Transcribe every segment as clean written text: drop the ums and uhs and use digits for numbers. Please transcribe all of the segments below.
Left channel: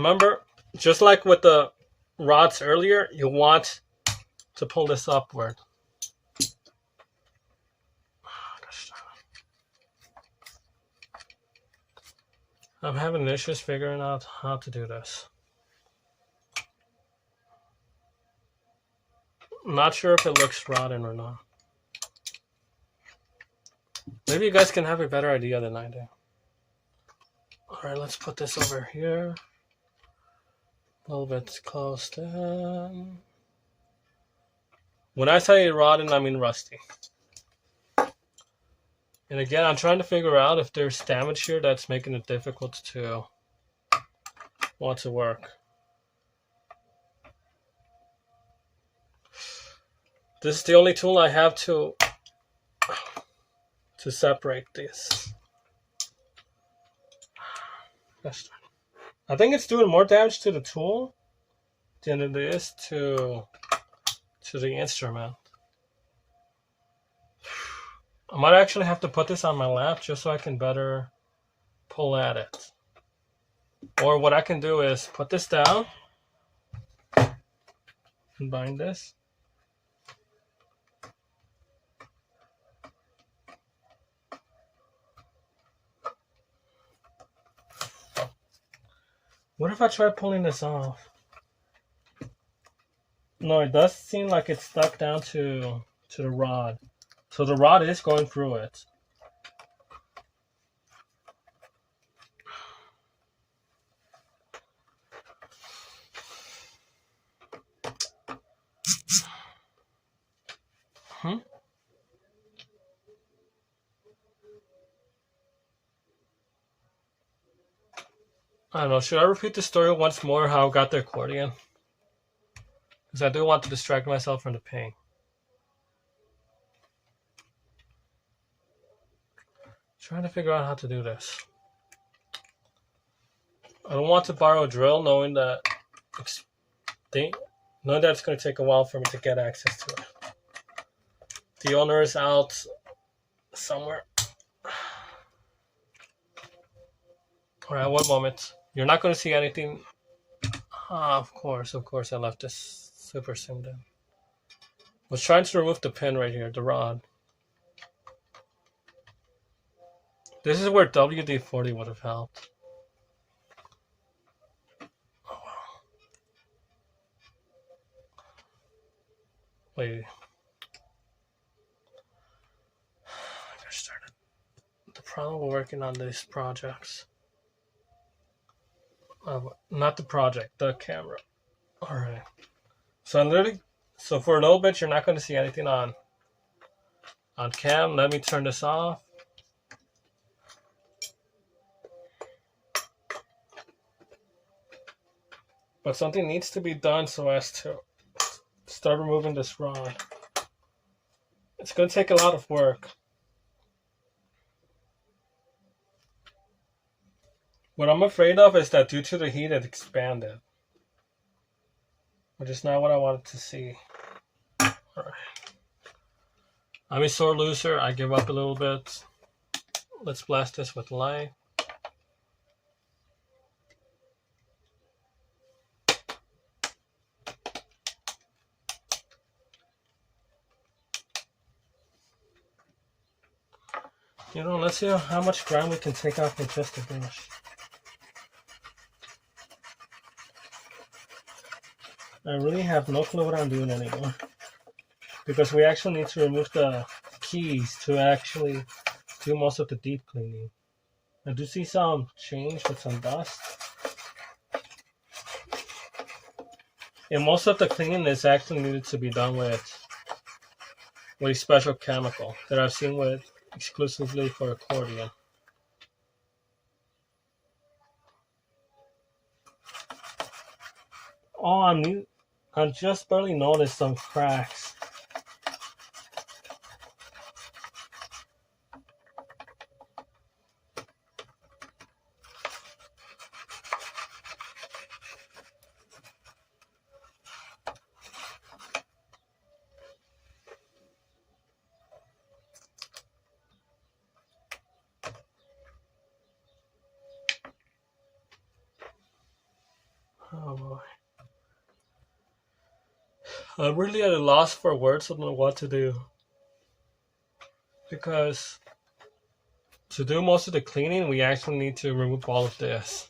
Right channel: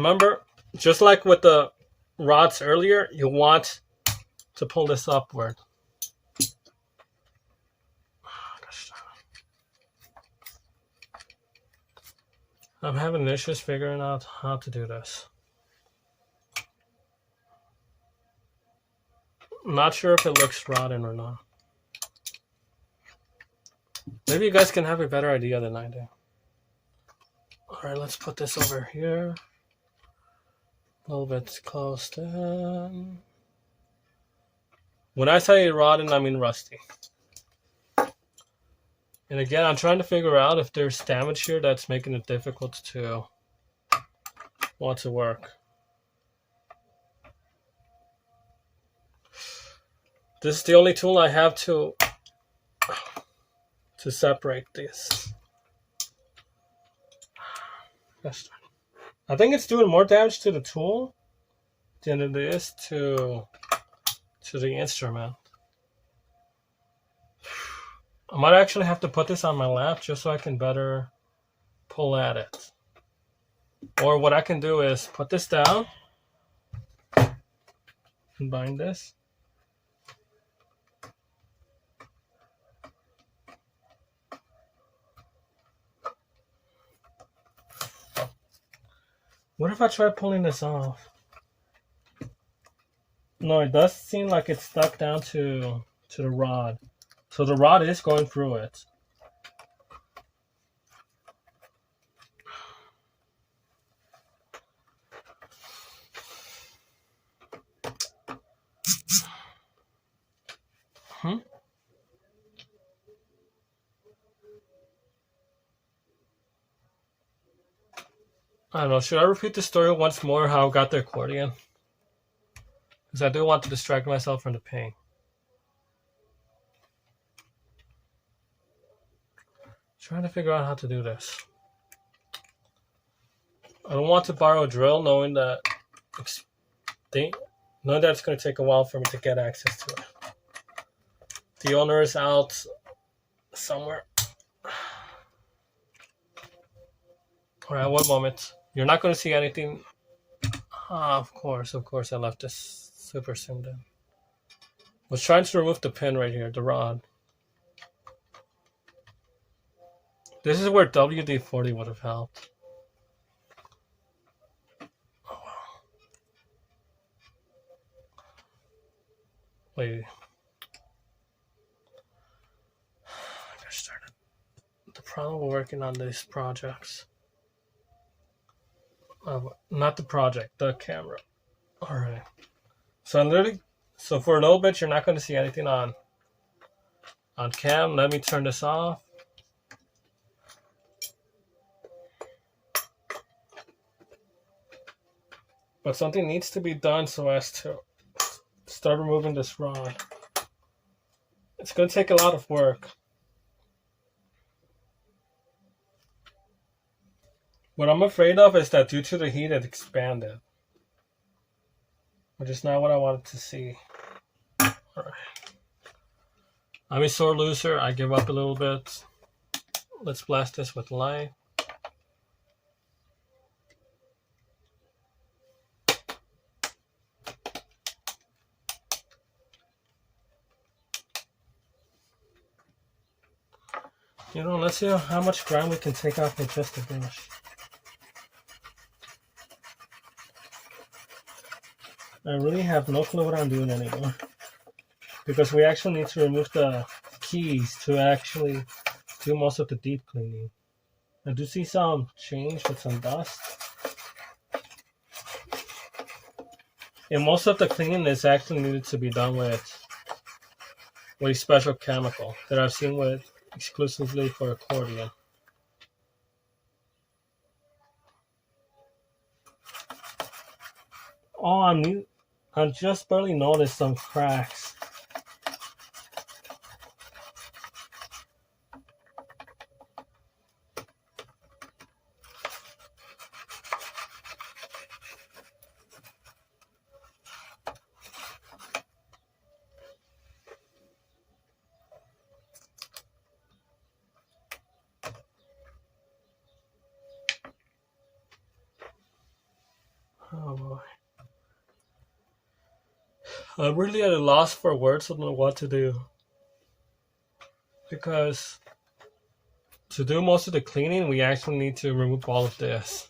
Remember, just like with the rods earlier, you want to pull this upward. I'm having issues figuring out how to do this. I'm not sure if it looks rotten or not. Maybe you guys can have a better idea than I do. Alright, let's put this over here. A little bit close in. When I say rotten, I mean rusty. And again, I'm trying to figure out if there's damage here that's making it difficult to want to work. This is the only tool I have to separate this. I think it's doing more damage to the tool than it is to the instrument. I might actually have to put this on my lap just so I can better pull at it. Or what I can do is put this down and bind this. What if I try pulling this off? No, it does seem like it's stuck down to the rod. So the rod is going through it. I don't know, should I repeat the story once more how I got the accordion? Because I do want to distract myself from the pain. Trying to figure out how to do this. I don't want to borrow a drill knowing that it's going to take a while for me to get access to it. The owner is out somewhere. Alright, one moment. You're not going to see anything. Of course, I left this super zoomed in. I was trying to remove the pin right here, the rod. This is where WD-40 would have helped. Oh, wow. Wait. I just started. The problem with working on these projects. Not the project, the camera. Alright. So for a little bit, you're not going to see anything on cam. Let me turn this off. But something needs to be done so as to start removing this rod. It's going to take a lot of work. What I'm afraid of is that due to the heat it expanded. Which is not what I wanted to see. Alright. I'm a sore loser. I give up a little bit. Let's blast this with light. You know, let's see how much ground we can take off with just a brush. I really have no clue what I'm doing anymore. Because we actually need to remove the keys to actually do most of the deep cleaning. I do see some change with some dust. And most of the cleaning is actually needed to be done with a special chemical that I've seen with exclusively for accordion. Oh, I just barely noticed some cracks. I'm really at a loss for words on what to do. Because to do most of the cleaning, we actually need to remove all of this.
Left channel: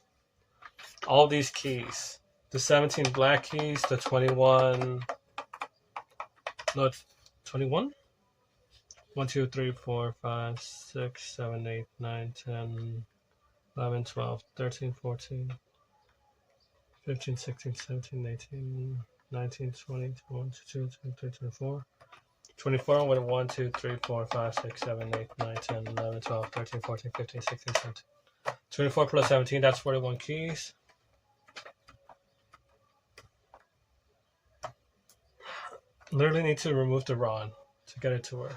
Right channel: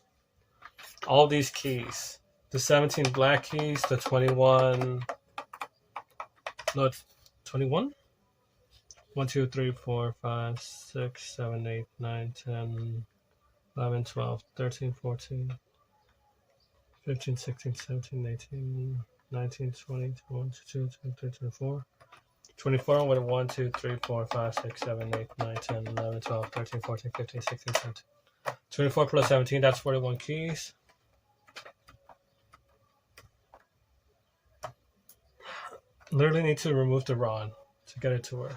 All these keys. The 17 black keys, the 21... No, 21? 1, 2, 3, 4, 5, 6, 7, 8, 9, 10, 11, 12, 13, 14, 15, 16, 17, 18, 19, 20, 21, 22, 23, 24. 24 with a 1, 2, 3, 4, 5, 6, 7, 8, 9, 10, 11, 12, 13, 14, 15, 16, 17. 24 plus 17, that's 41 keys. Literally need to remove the rod to get it to work.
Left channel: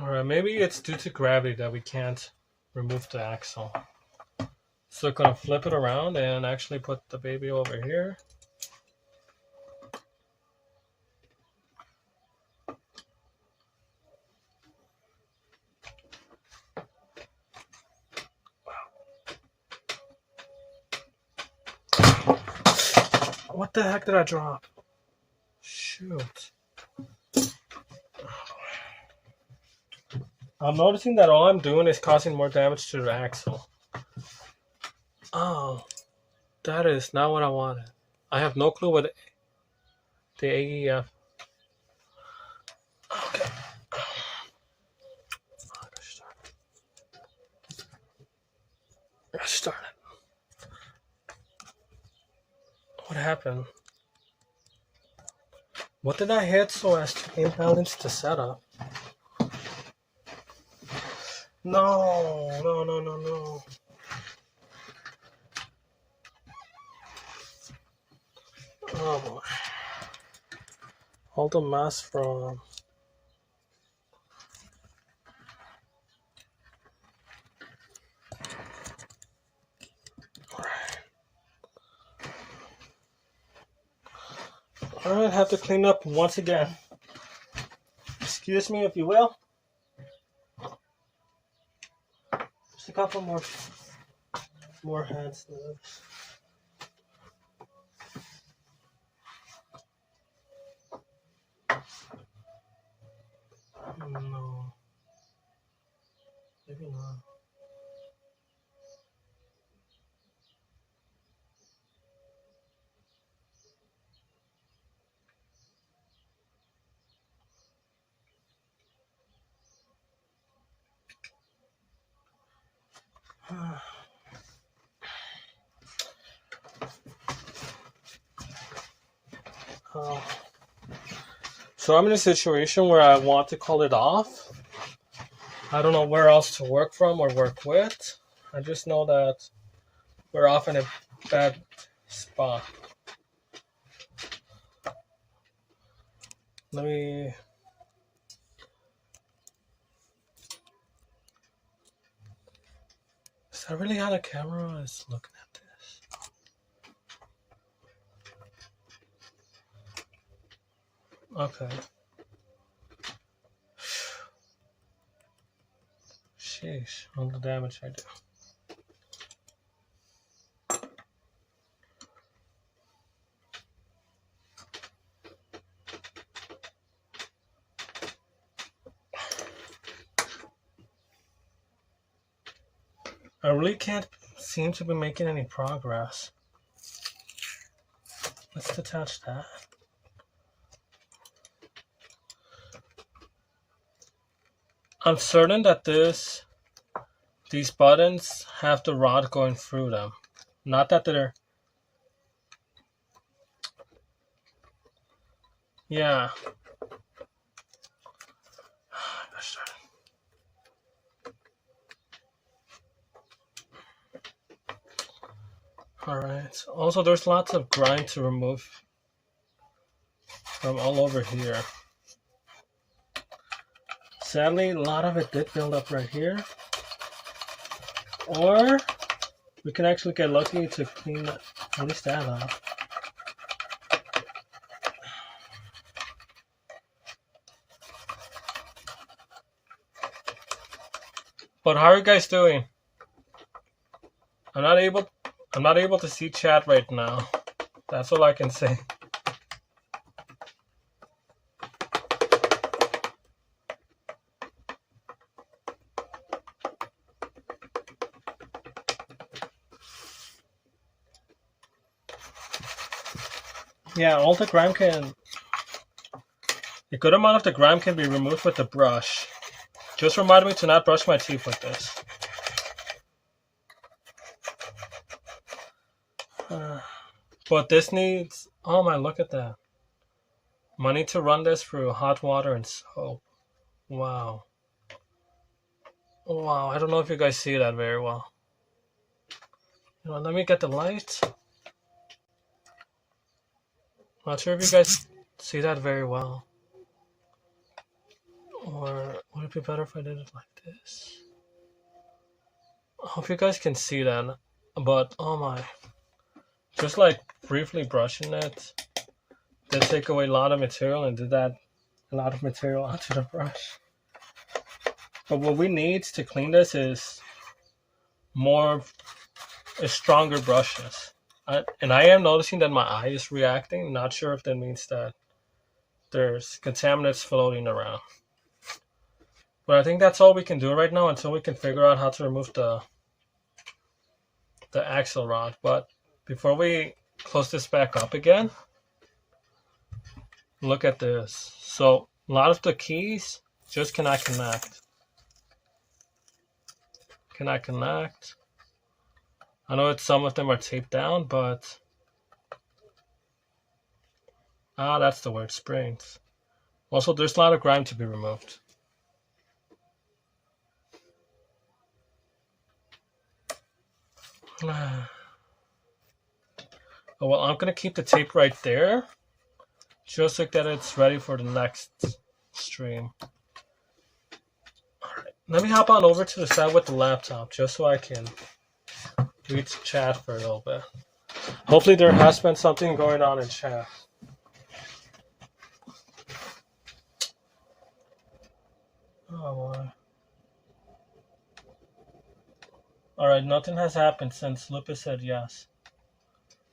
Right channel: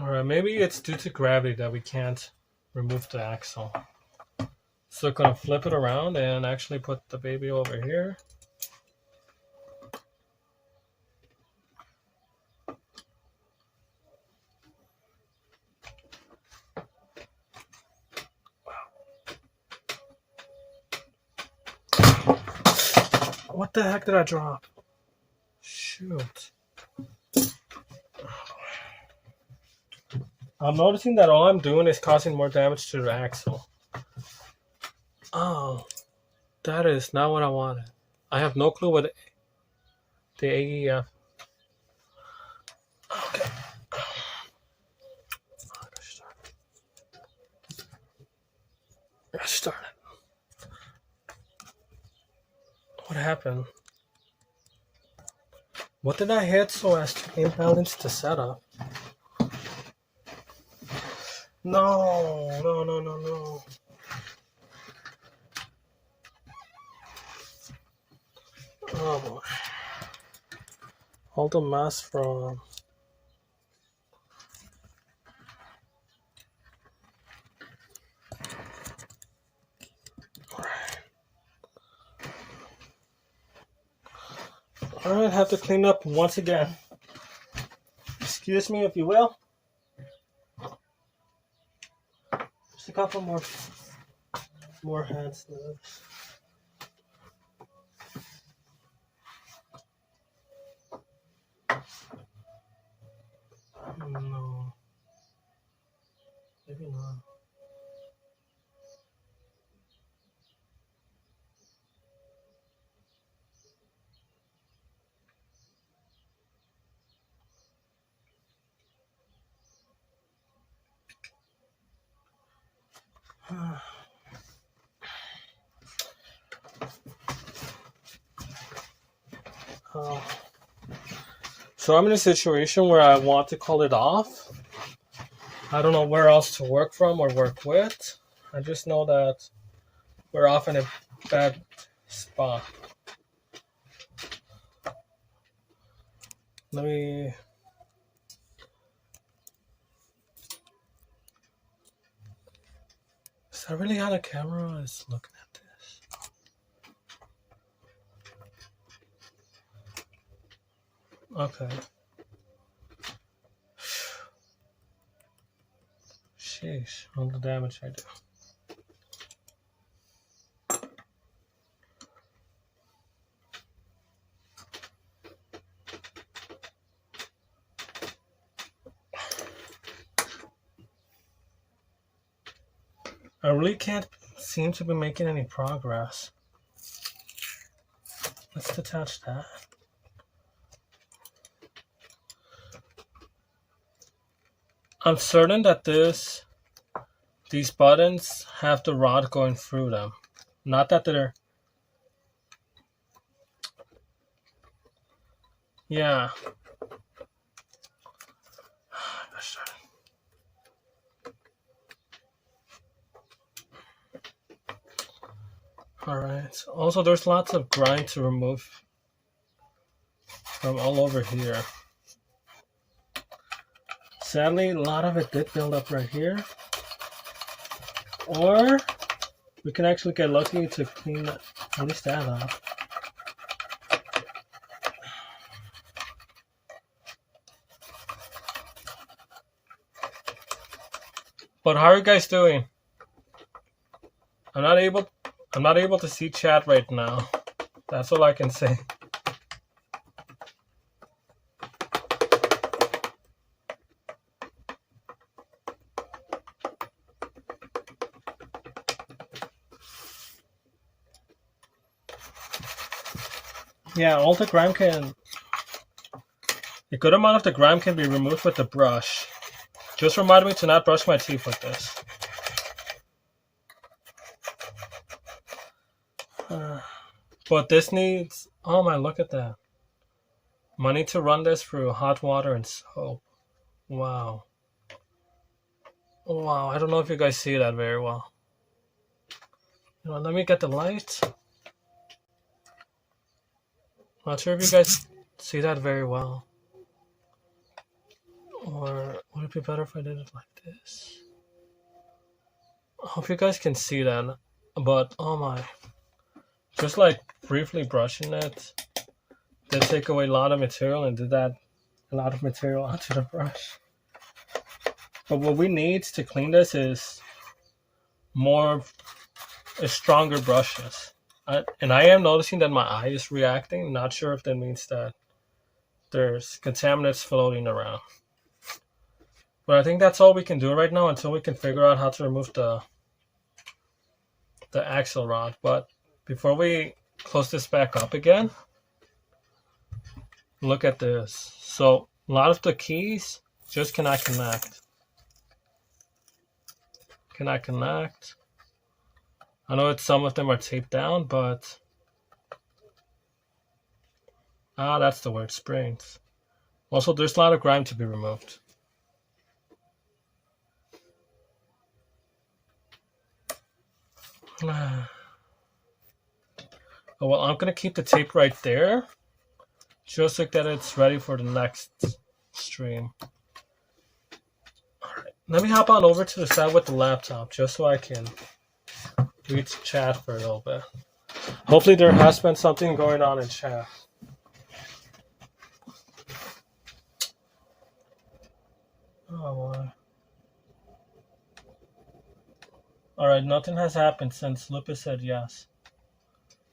Alright, maybe it's due to gravity that we can't remove the axle. So I'm gonna flip it around and actually put the baby over here. What the heck did I drop? Shoot. I'm noticing that all I'm doing is causing more damage to the axle. Oh, that is not what I wanted. I have no clue what the AEF. Okay. I started. What happened? What did I hit so as to imbalance the setup? No. Oh boy. All the mass from... Alright, have to clean up once again. Excuse me if you will. Just a couple more heads there. No. Maybe not. So I'm in a situation where I want to call it off. I don't know where else to work from or work with. I just know that we're off in a bad spot. Let me... Is that really how the camera is looking at this? Okay. Sheesh, all the damage I do. I really can't seem to be making any progress. Let's detach that. I'm certain that these buttons have the rod going through them. Not that they're... Yeah. Alright. Also, there's lots of grind to remove from all over here. Sadly, a lot of it did build up right here. Or we can actually get lucky to clean at least that up. But how are you guys doing? I'm not able to see chat right now. That's all I can say. Yeah, all the grime can... A good amount of the grime can be removed with the brush. Just remind me to not brush my teeth with this. But this needs... Oh my, look at that. I need to run this through hot water and soap. Wow. Wow, I don't know if you guys see that very well. Let me get the light. Not sure if you guys see that very well. Or would it be better if I did it like this? I hope you guys can see that. But, oh my. Just like briefly brushing it. Did take away a lot of material and did that a lot of material onto the brush. But what we need to clean this is stronger brushes. And I am noticing that my eye is reacting. Not sure if that means that there's contaminants floating around. But I think that's all we can do right now until we can figure out how to remove the axle rod. But before we close this back up again, look at this. So a lot of the keys just cannot connect. Cannot connect. I know some of them are taped down, but that's the word, springs. Also, there's a lot of grime to be removed. Oh, well, I'm gonna keep the tape right there, just like that it's ready for the next stream. Alright, let me hop on over to the side with the laptop, just so I can read chat for a little bit. Hopefully there has been something going on in chat. Oh, boy. Alright, nothing has happened since Lucas said yes.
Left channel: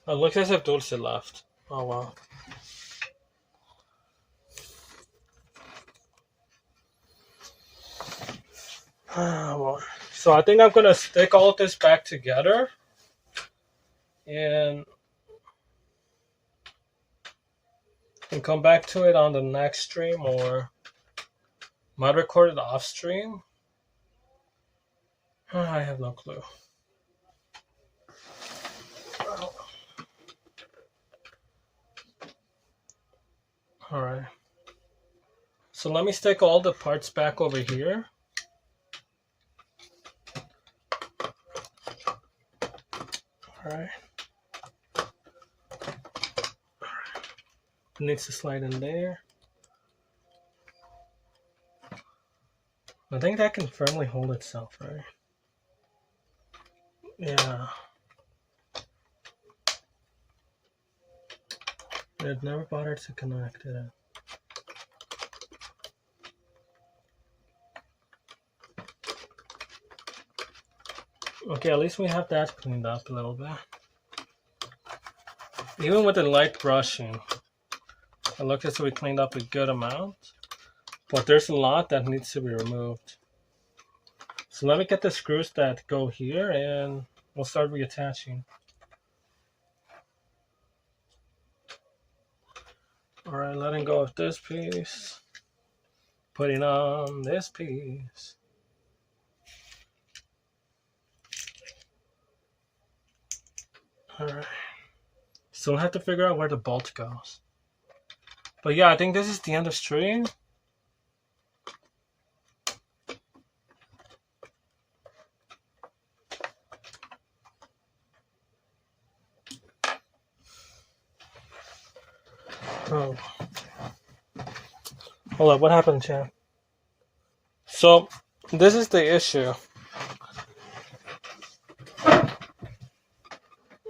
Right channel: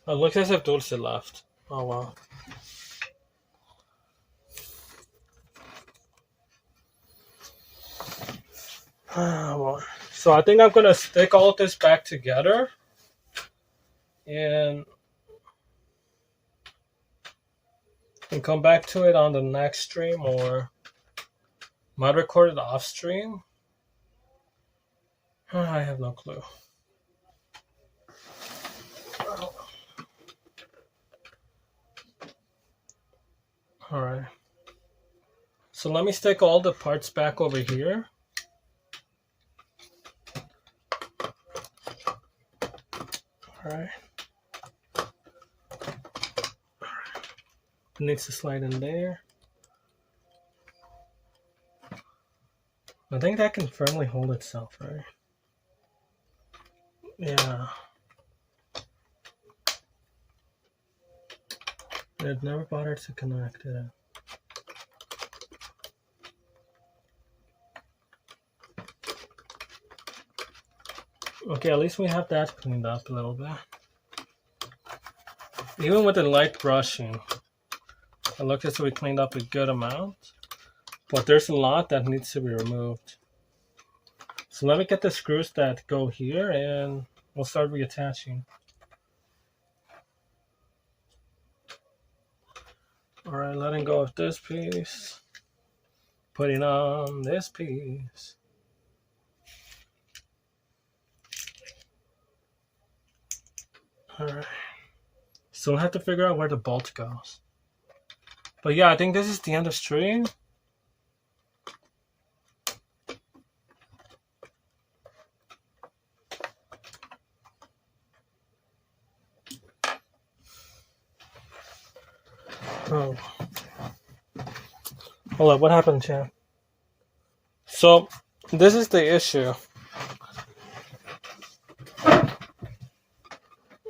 Oh, it looks as if Dulce left. Oh, wow. Well, so I think I'm going to stick all of this back together. And come back to it on the next stream, or might record it off stream. I have no clue. Alright. So let me stick all the parts back over here. Alright. It needs to slide in there. I think that can firmly hold itself, right? Yeah. It never bothered to connect it. Okay, at least we have that cleaned up a little bit. Even with the light brushing, it looks as if we cleaned up a good amount. But there's a lot that needs to be removed. So let me get the screws that go here and we'll start reattaching. Alright, letting go of this piece. Putting on this piece. Alright. So we'll have to figure out where the bolt goes. But yeah, I think this is the end of stream. Oh. Hold on, what happened, chat? So, this is the issue.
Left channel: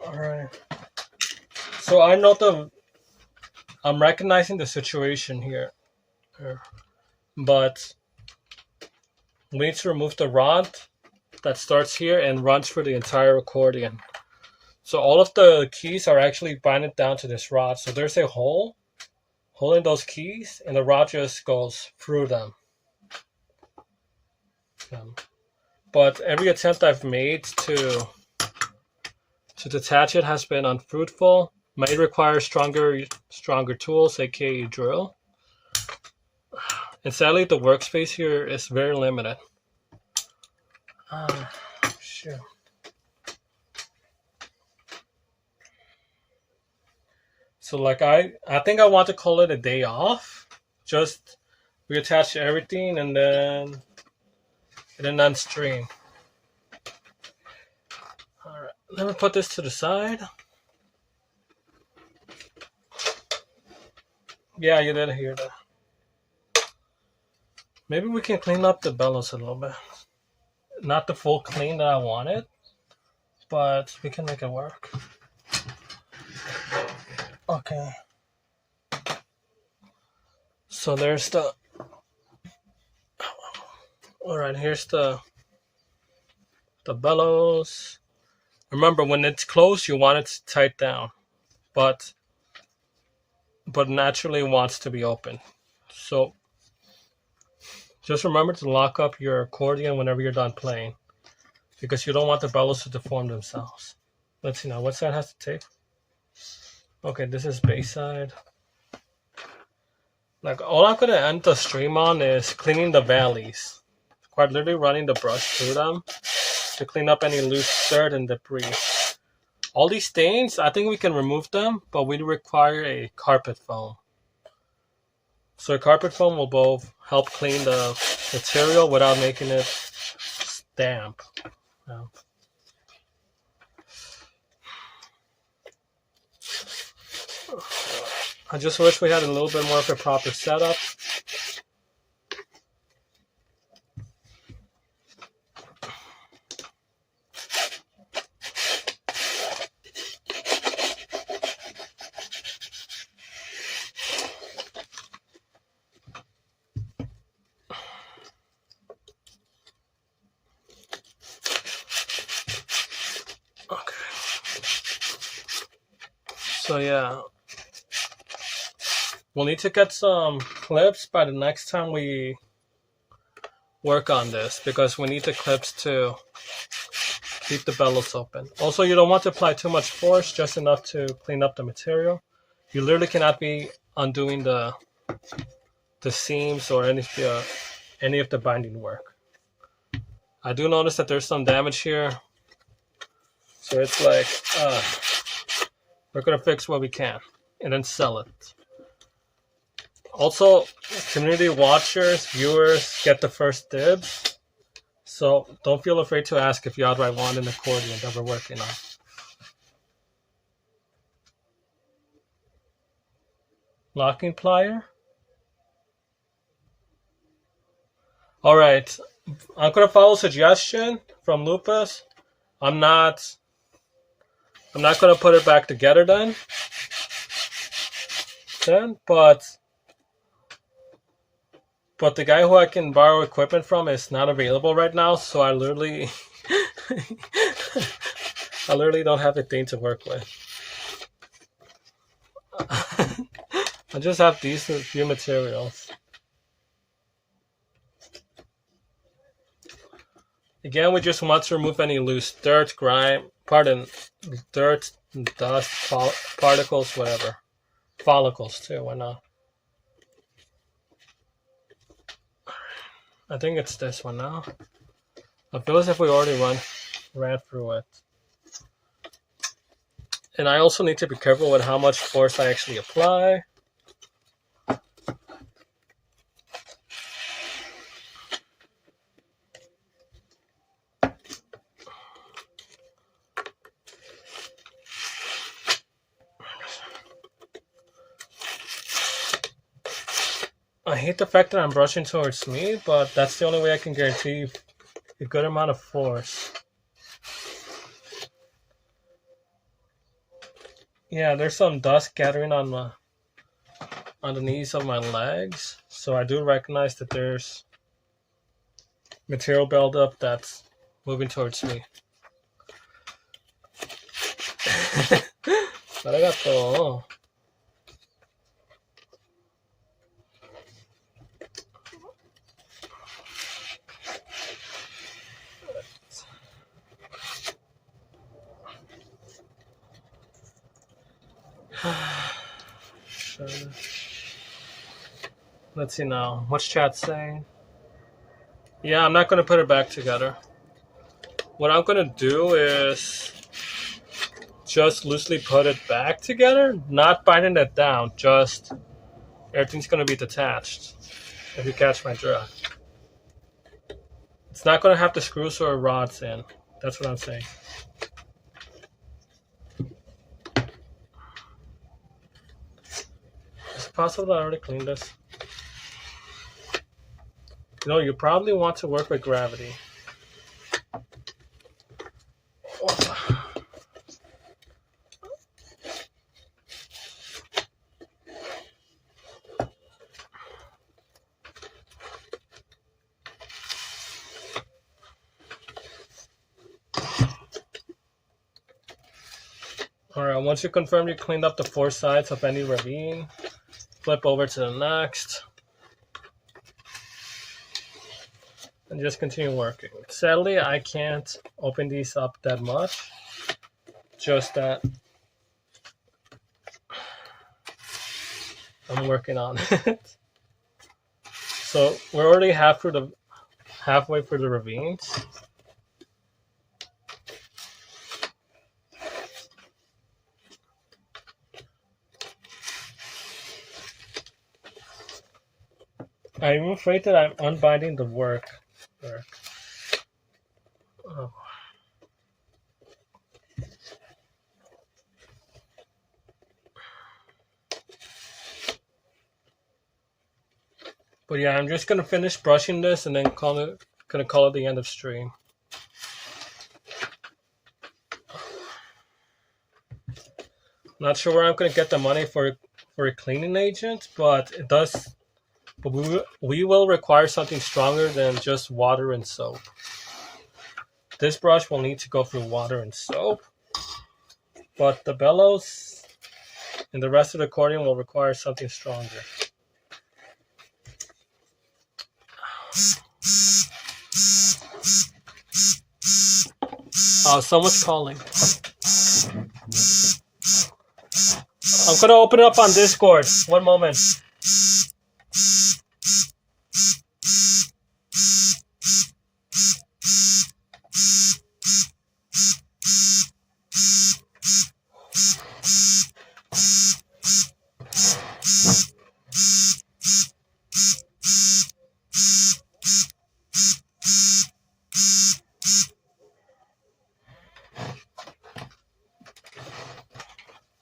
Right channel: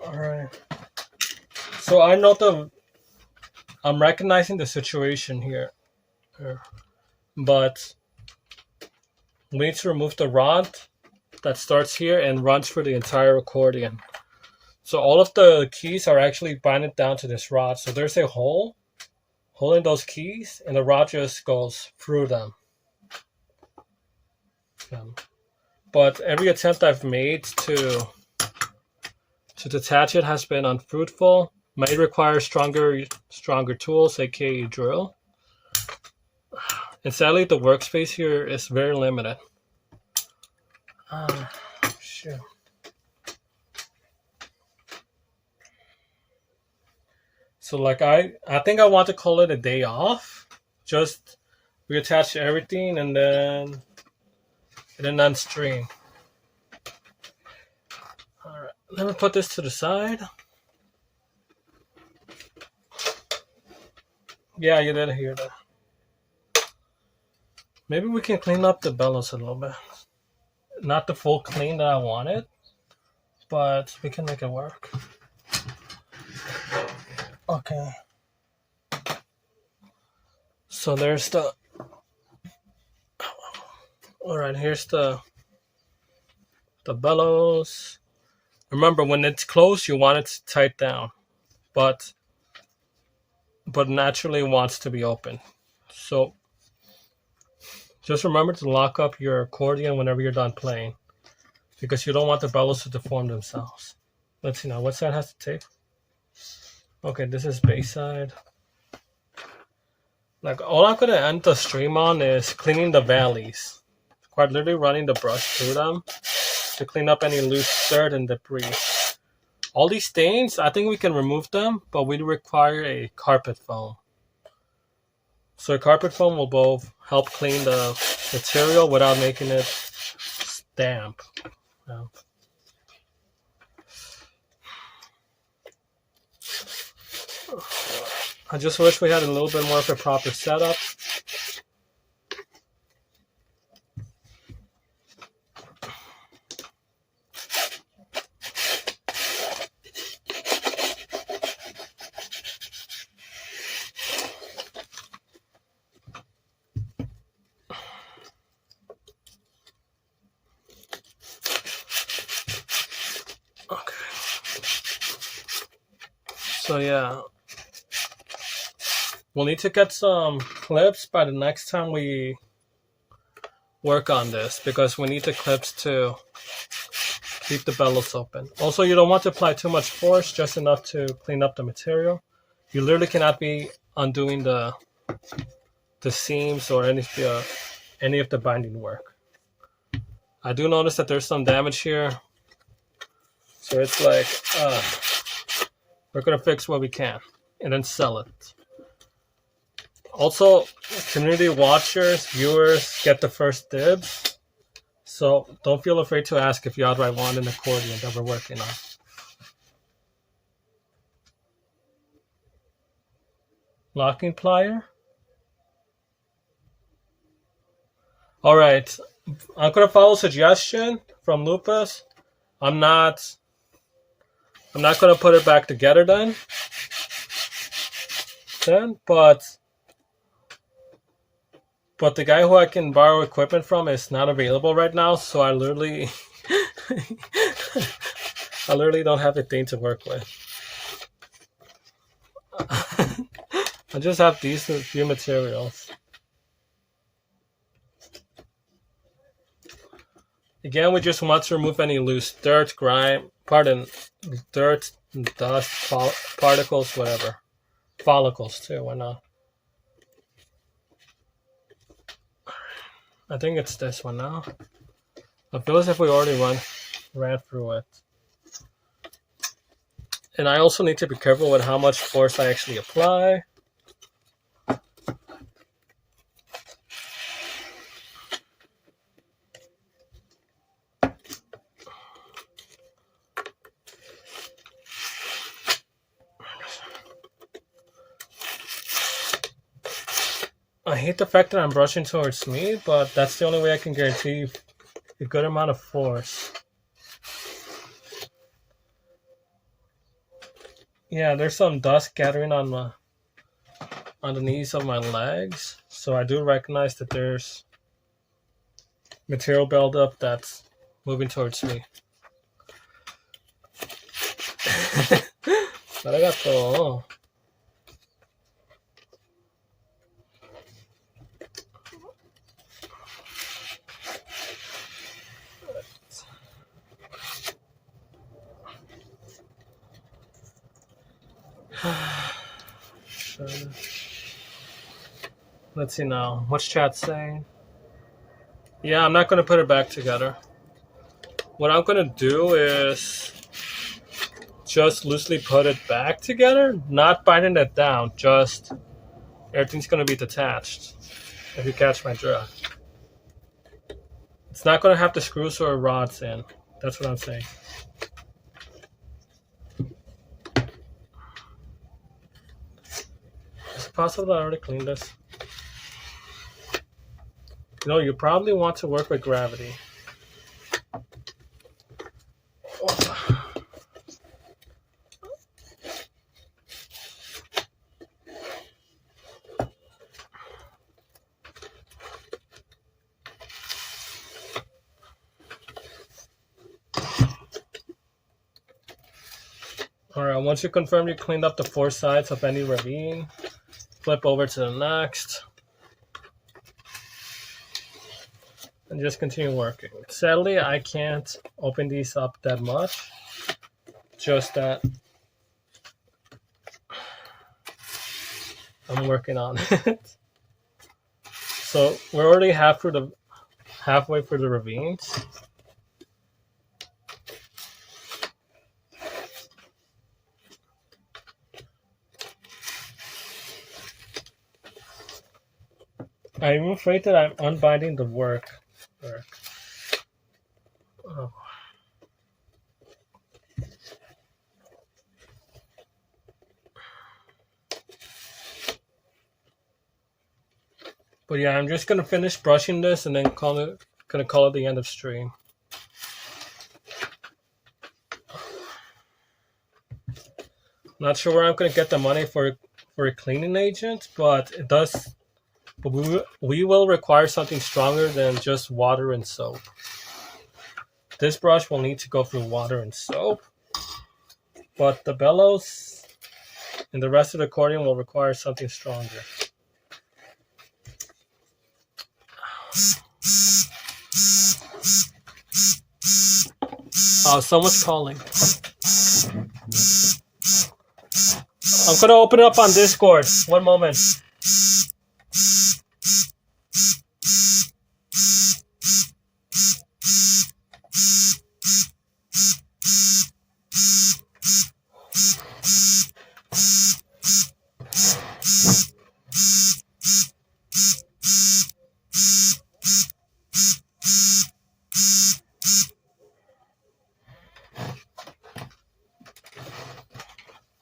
Alright. So I'm recognizing the situation here. But we need to remove the rod that starts here and runs for the entire accordion. So all of the keys are actually binded down to this rod. So there's a hole holding those keys, and the rod just goes through them. But every attempt I've made to detach it has been unfruitful. May require stronger tools, aka drill. And sadly, the workspace here is very limited. Shoot. So like I think I want to call it a day off. Just reattach everything and then unstring. Alright, let me put this to the side. Yeah, you did hear that. Maybe we can clean up the bellows a little bit. Not the full clean that I wanted, but we can make it work. Okay. So there's the... Alright, here's the bellows. Remember, when it's closed, you want it to tight down, but naturally wants to be open. So just remember to lock up your accordion whenever you're done playing, because you don't want the bellows to deform themselves. Let's see now, what side has to take? Okay, this is bass side. Like, all I'm gonna end the stream on is cleaning the valleys. Quite literally running the brush through them to clean up any loose dirt and debris. All these stains, I think we can remove them, but we require a carpet foam. So a carpet foam will both help clean the material without making it damp. I just wish we had a little bit more of a proper setup. So yeah, we'll need to get some clips by the next time we work on this, because we need the clips to keep the bellows open. Also, you don't want to apply too much force, just enough to clean up the material. You literally cannot be undoing the seams or any of the binding work. I do notice that there's some damage here, so it's like we're gonna fix what we can and then sell it. Also, community watchers, viewers get the first dibs, so don't feel afraid to ask if you outright want an accordion that we're working on. Locking plier. All right, I'm gonna follow suggestion from Lupus. I'm not gonna put it back together then, but the guy who I can borrow equipment from is not available right now, so I literally don't have a thing to work with. I just have these few materials. Again, we just want to remove any loose dirt, dirt, dust, particles, whatever. Follicles too, why not? I think it's this one now. It feels as if we already ran through it. And I also need to be careful with how much force I actually apply. I hate the fact that I'm brushing towards me, but that's the only way I can guarantee a good amount of force. Yeah, there's some dust gathering on the knees of my legs, so I do recognize that there's material buildup that's moving towards me. Arigato. Let's see now. What's chat saying? Yeah, I'm not going to put it back together. What I'm going to do is just loosely put it back together, not binding it down, just everything's going to be detached, if you catch my drift. It's not going to have the screws or rods in. That's what I'm saying. Is it possible I already cleaned this? You know, you probably want to work with gravity. Alright, once you confirm you cleaned up the 4 sides of any ravine, flip over to the next. And just continue working. Sadly, I can't open these up that much. Just that I'm working on it. So we're already halfway through the ravines. I'm afraid that I'm unbinding the work. Oh. But yeah, I'm just gonna finish brushing this and then call it the end of stream. Not sure where I'm gonna get the money for a cleaning agent, but it does. But we will require something stronger than just water and soap. This brush will need to go through water and soap, but the bellows and the rest of the accordion will require something stronger. Oh, someone's calling. I'm gonna open it up on Discord. One moment.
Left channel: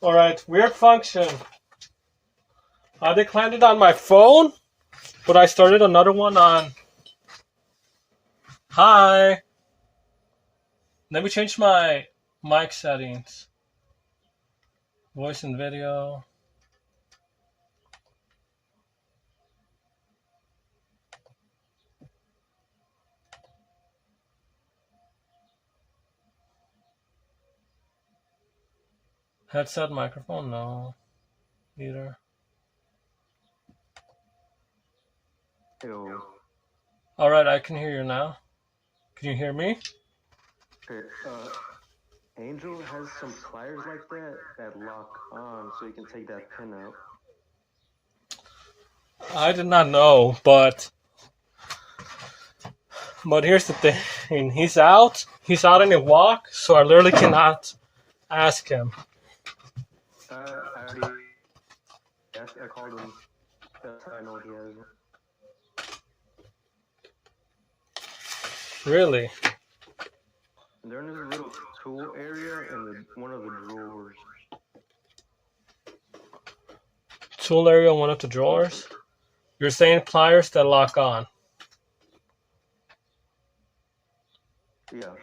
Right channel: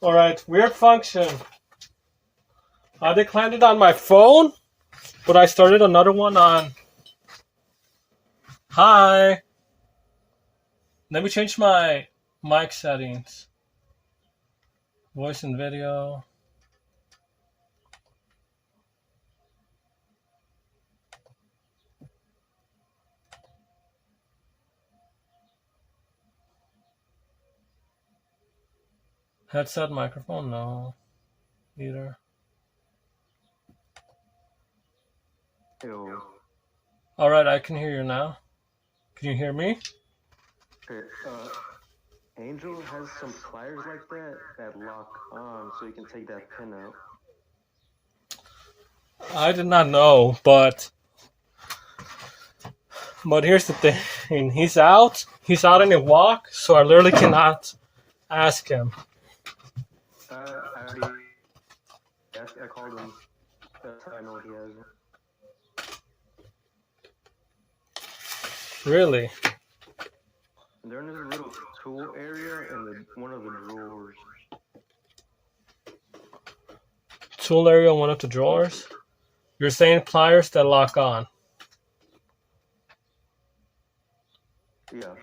Alright, weird function. I declined it on my phone, but I started another one on... Hi! Let me change my mic settings. Voice and video. Headset, microphone, no. Neither. Ew. Alright, I can hear you now. Can you hear me? Okay, Angel has some pliers like that lock on, so you can take that pin out. I did not know, but here's the thing. He's out on a walk, so I literally cannot ask him. I already asked, I called him. That's how I know what he has. Really? And they're in this little tool area in one of the drawers. Tool area, one of the drawers? You're saying pliers that lock on? Yeah.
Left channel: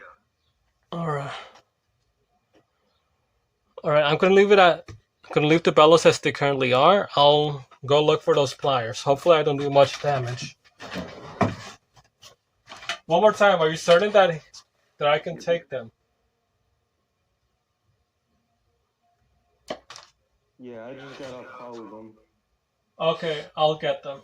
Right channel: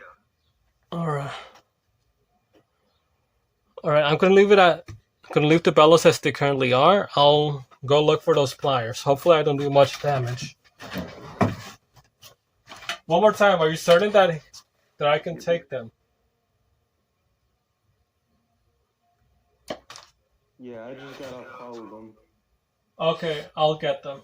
Alright, I'm gonna leave the bellows as they currently are. I'll go look for those pliers. Hopefully I don't do much damage. One more time, are you certain that that I can take them. Yeah, I just got off call with them. Okay, I'll get them.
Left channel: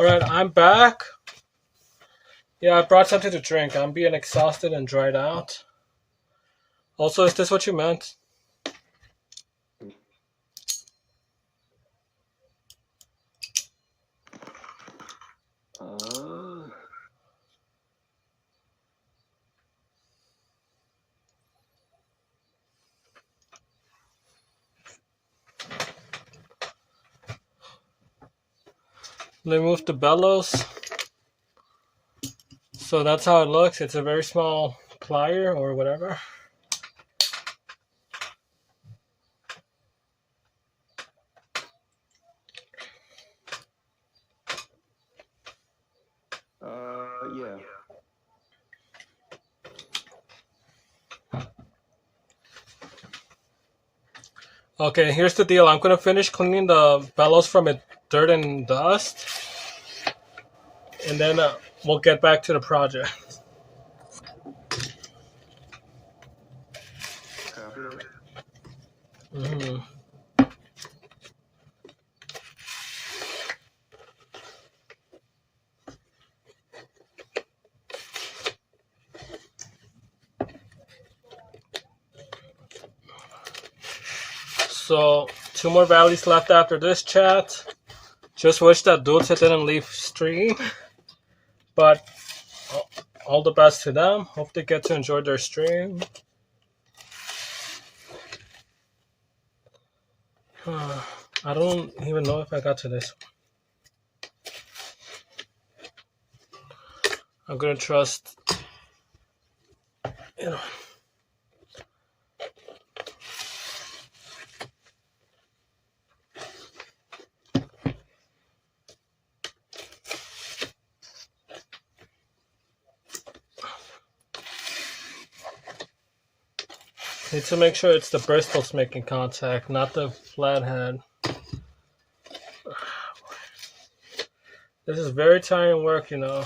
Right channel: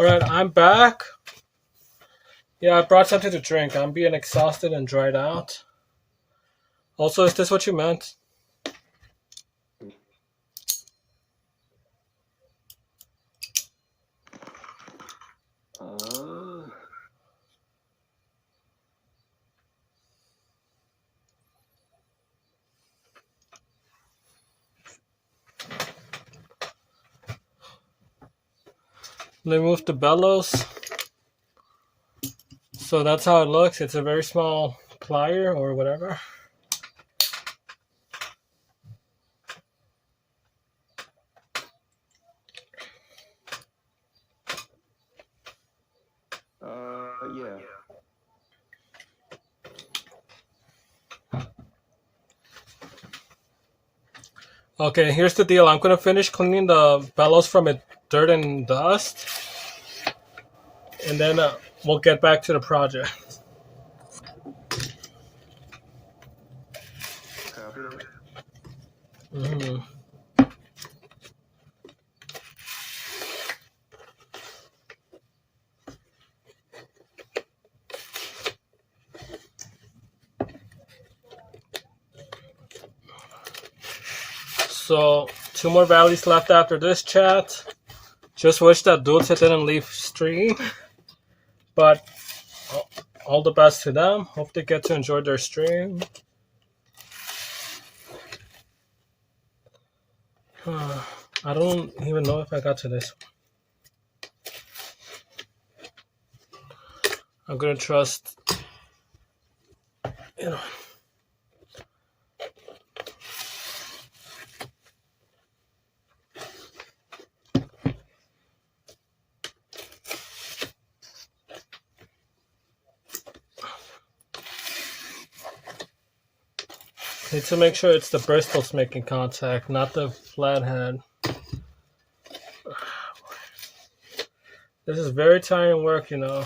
Alright, I'm back. Yeah, I brought something to drink. I'm being exhausted and dried out. Also, is this what you meant? Remove the bellows. So that's how it looks. It's a very small plier or whatever. Okay, here's the deal. I'm gonna finish cleaning the bellows from it, dirt and dust, and then we'll get back to the project. Copy that. Mm-hmm. So, 2 more valleys left after this chat. Just wish that dudes didn't leave stream, but all the best to them. Hope they get to enjoy their stream. I don't even know if I got to this one. I'm gonna trust, you know. Need to make sure it's the bristles making contact, not the flathead. This is very tiring work, you know.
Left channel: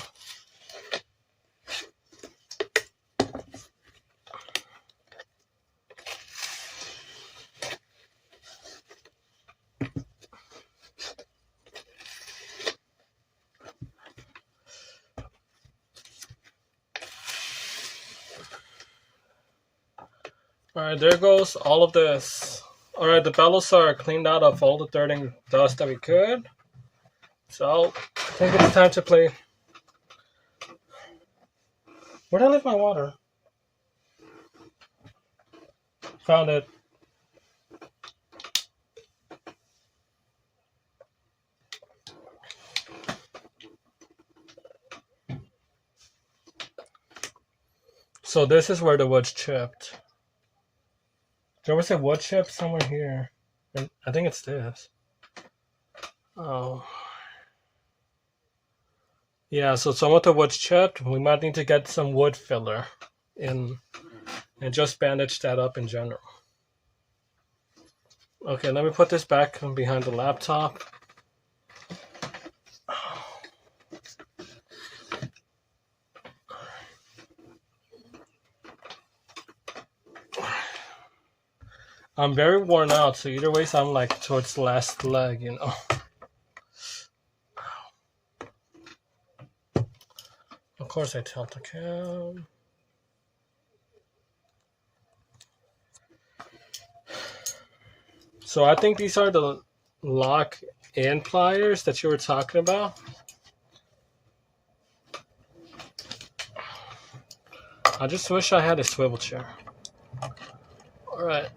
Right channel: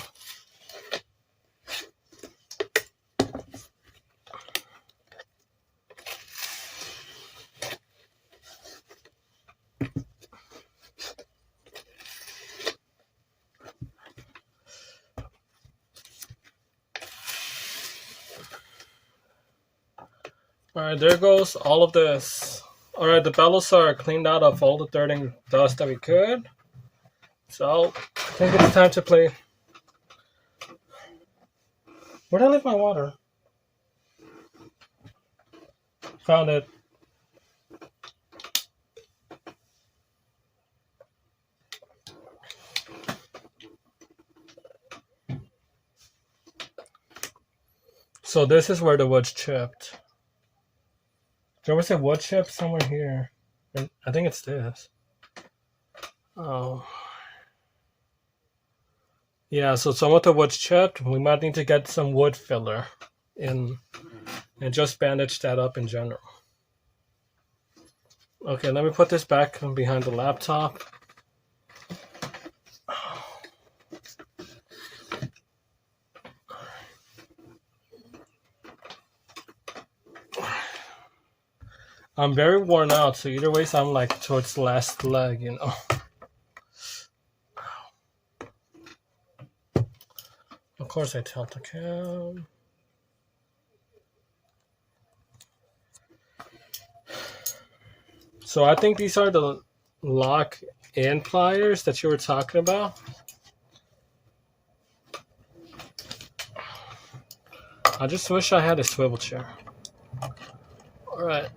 Alright, there goes all of this. Alright, the bellows are cleaned out of all the dirt and dust that we could. So, I think it's time to play. Where'd I leave my water? Found it. So this is where the wood's chipped. There was a wood chip somewhere here. I think it's this. Oh. Yeah, so some of the wood's chipped. We might need to get some wood filler in and just bandage that up in general. Okay, let me put this back behind the laptop. I'm very worn out, so either way, I'm like towards the last leg, you know. Of course, I tilt the cam. So I think these are the lock-in pliers that you were talking about. I just wish I had a swivel chair. Alright,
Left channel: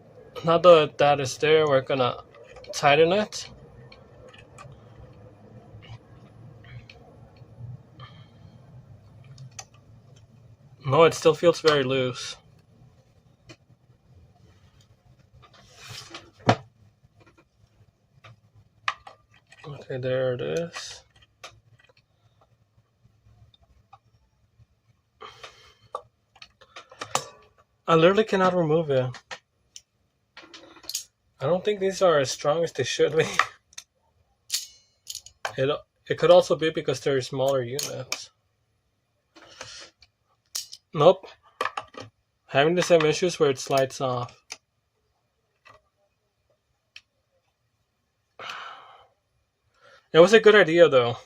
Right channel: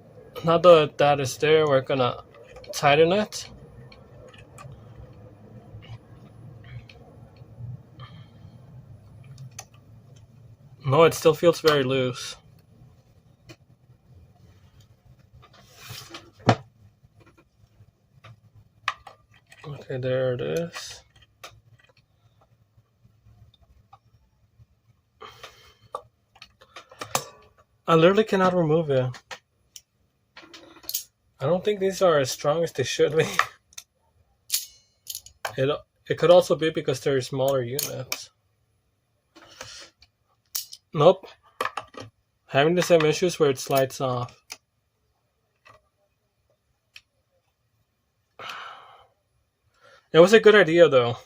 now that that is there, we're gonna tighten it. No, it still feels very loose. Okay, there it is. I literally cannot remove it. I don't think these are as strong as they should be. It could also be because they're smaller units. Nope. Having the same issues where it slides off. It was a good idea though.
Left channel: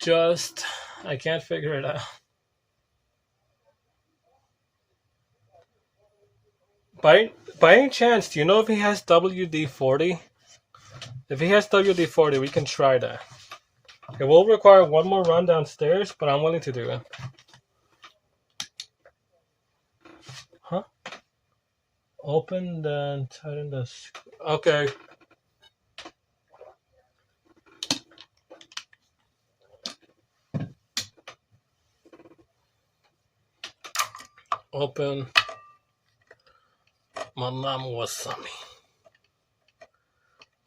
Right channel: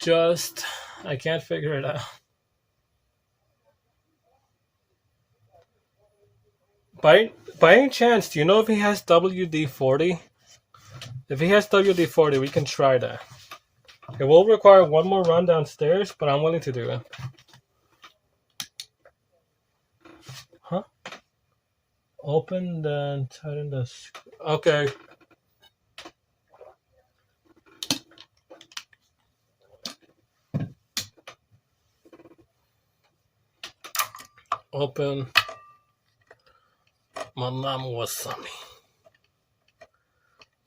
Just, I can't figure it out. By any chance, do you know if he has WD-40? If he has WD-40, we can try that. It will require one more run downstairs, but I'm willing to do it. Huh? Open, then tighten the... Okay. Open. My mom was on me.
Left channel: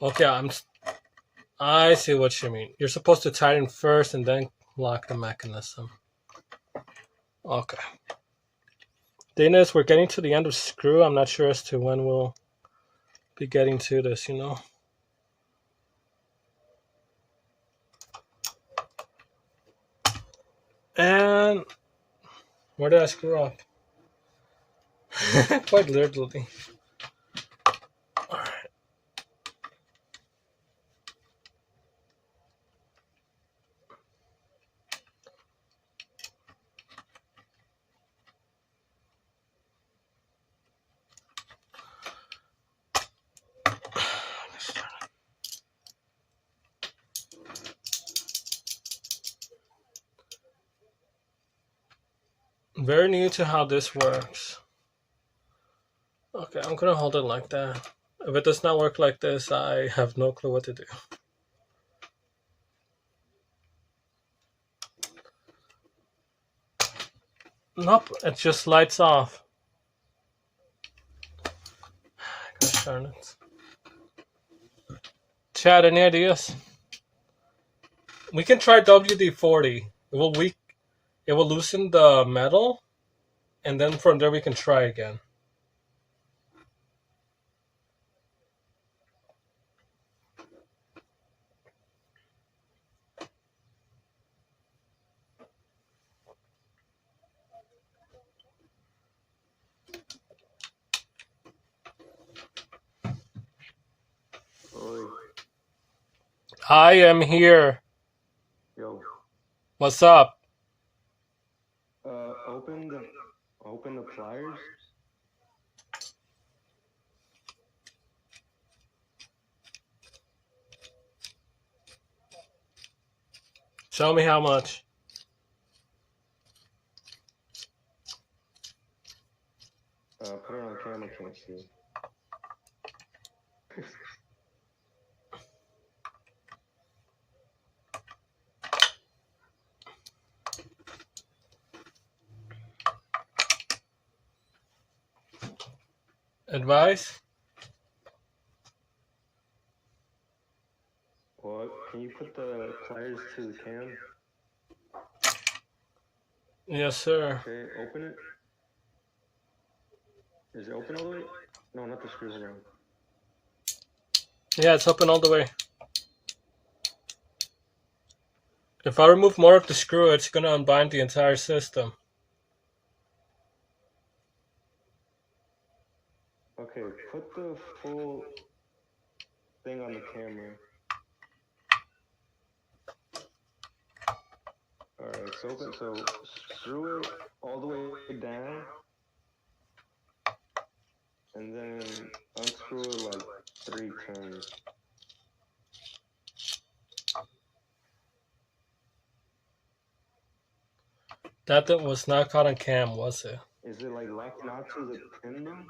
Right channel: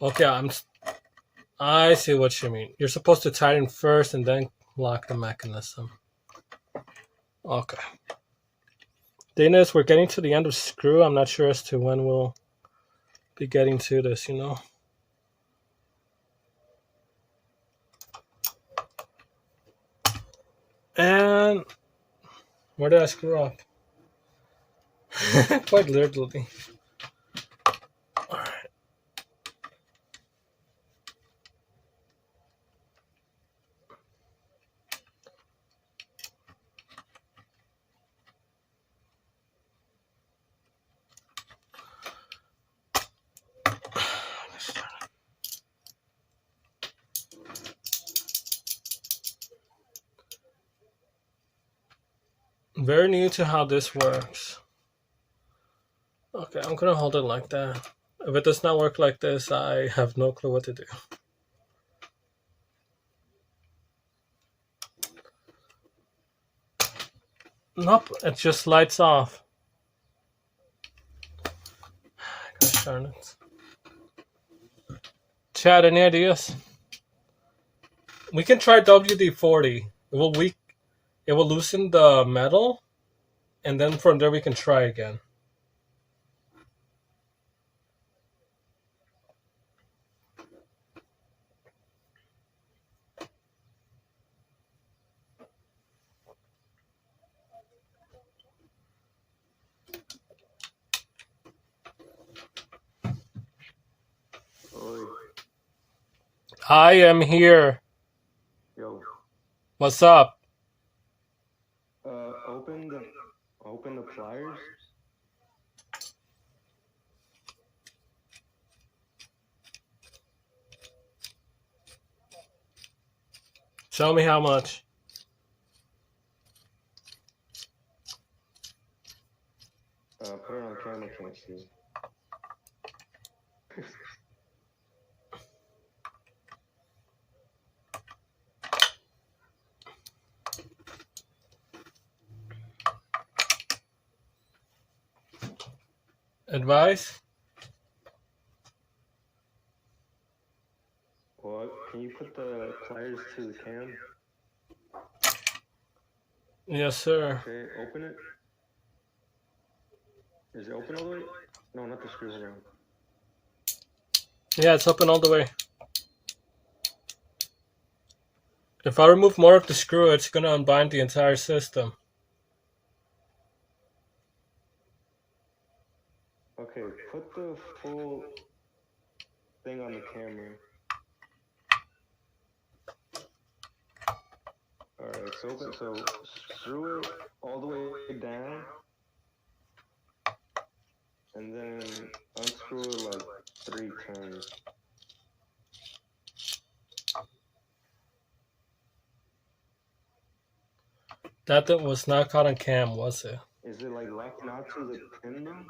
Okay, I see what you mean. You're supposed to tighten first and then lock the mechanism. Okay. Thing is, we're getting to the end of screw. I'm not sure as to when we'll be getting to this, you know. And where did I screw up? Quite literally. Alright. Very new to how this works. Okay, I'm gonna hold it like that. If it does not work like this, I have no clue what to do. Nope, it just lights off. Gosh darn it. Chad, any ideas? We can try WD-40. It will loosen the metal, and then from there we can try again. Oi. I am here. Yo. What's up? Open the pliers. Show me how much. Put it on camera, can't see. Advice? What? Can you put the pliers to the cam? Yes, sir. Okay, open it. Is it open all the way? No, not the screw. Hold on. Yeah, it's open all the way. If I remove more of the screw, it's gonna unbind the entire system. Okay, put the full thing on the camera. Alright, it's open, so screw it all the way down. And then unscrew it like 3 turns. That was not caught on cam, was it? Is it like locking onto the pin though?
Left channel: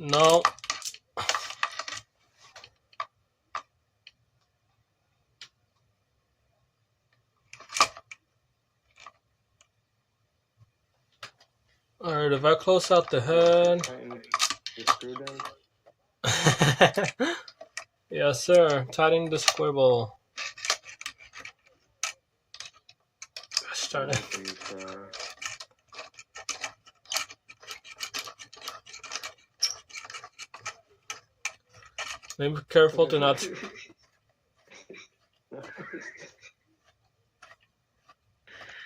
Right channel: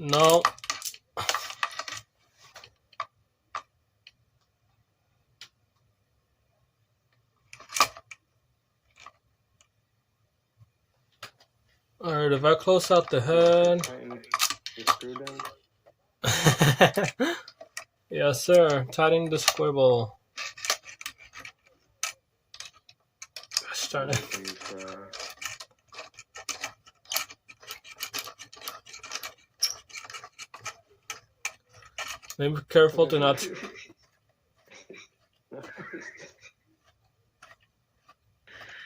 No. Alright, if I close out the head. Tighten the screw down. Yes, sir. Tightening the squibble. Start it. Be careful to not.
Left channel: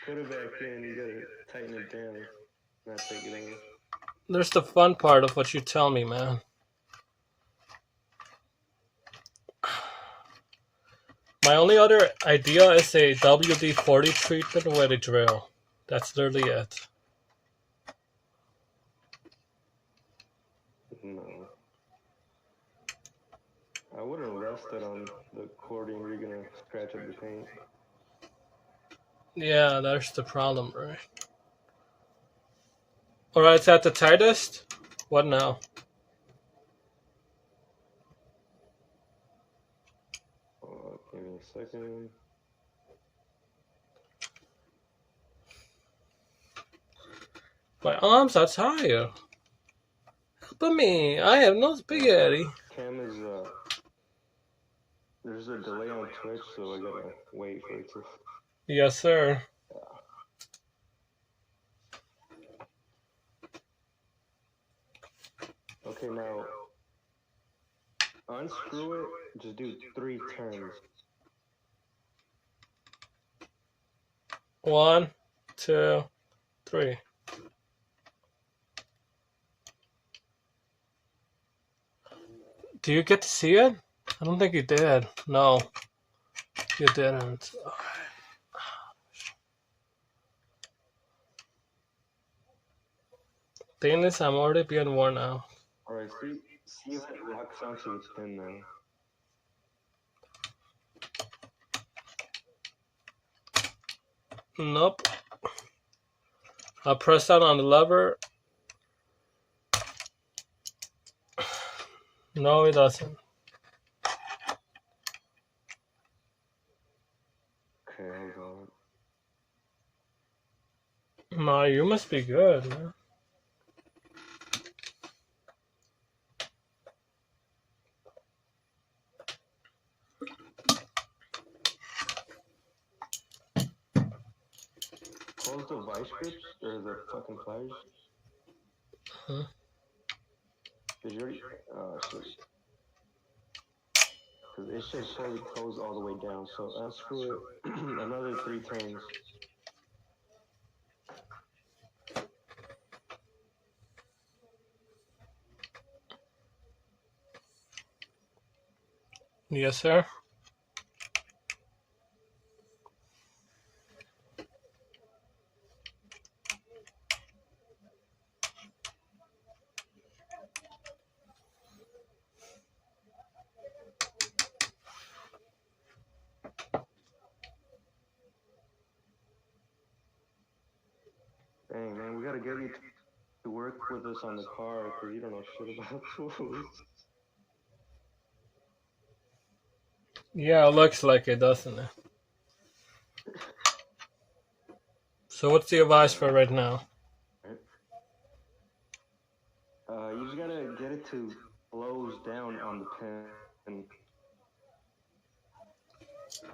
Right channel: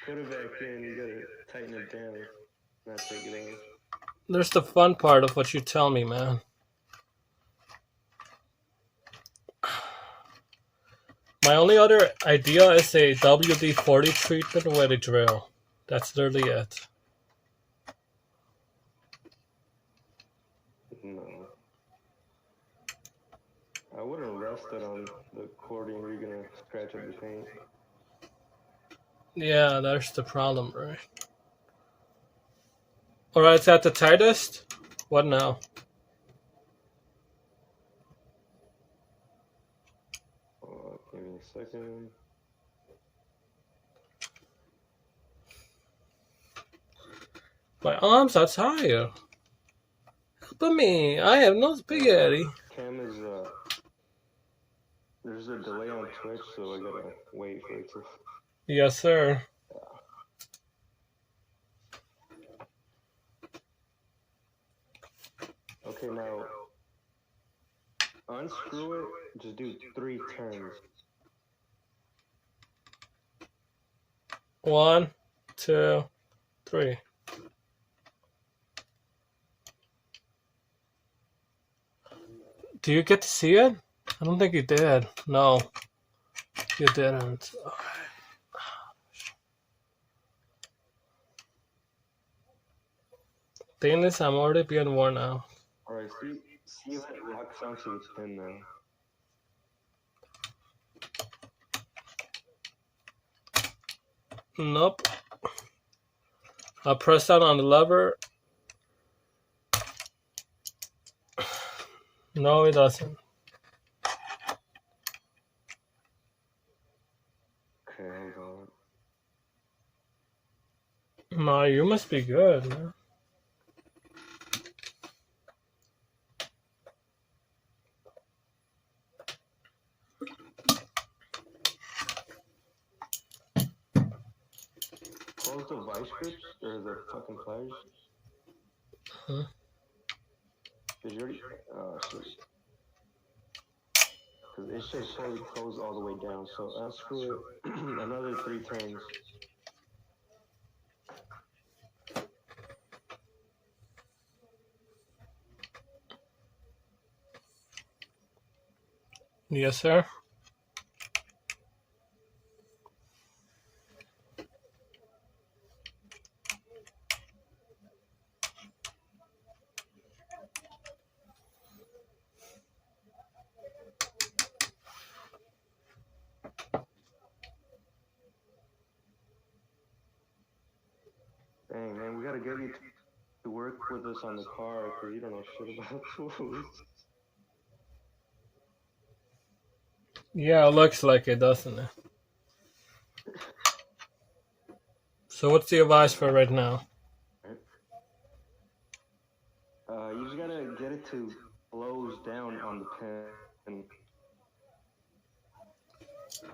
Put it back in. You gotta tighten it down, not take it off. There's the fun part of what you tell me, man. My only other idea is a WD-40 treatment with a drill. That's literally it. No. I wouldn't rest it on the accordion. You're gonna scratch up the paint. Yeah, that's the problem, right? Alright, it's at the tightest? What now? Give me a second. My arms are tired. Help me, I have no spaghetti. Cam is, there's a delay on Twitch, so I gotta wait for it to... Yes, sir. Yeah. Okay, now unscrew it. Just do 3 turns. 1, 2, 3. Do you get to see it? I don't think you did. No, you didn't. Thing is, I'm already being worn out. Alright, see if it locks onto its pin now. Nope. I'll press down on the lever. No, it doesn't. Okay, hold on. No, you must be good, man. Close the vice grips or the fucking pliers. Huh? Did you already? Oh shit. Because it should fully close all the way down. So unscrew it. Another 3 turns. Yes, sir. Dang, man, we gotta get you to work with us on the car because you don't know shit about tools. Yeah, it looks like it, doesn't it? So what's the advice for right now? You just gotta get it to close down on the pin.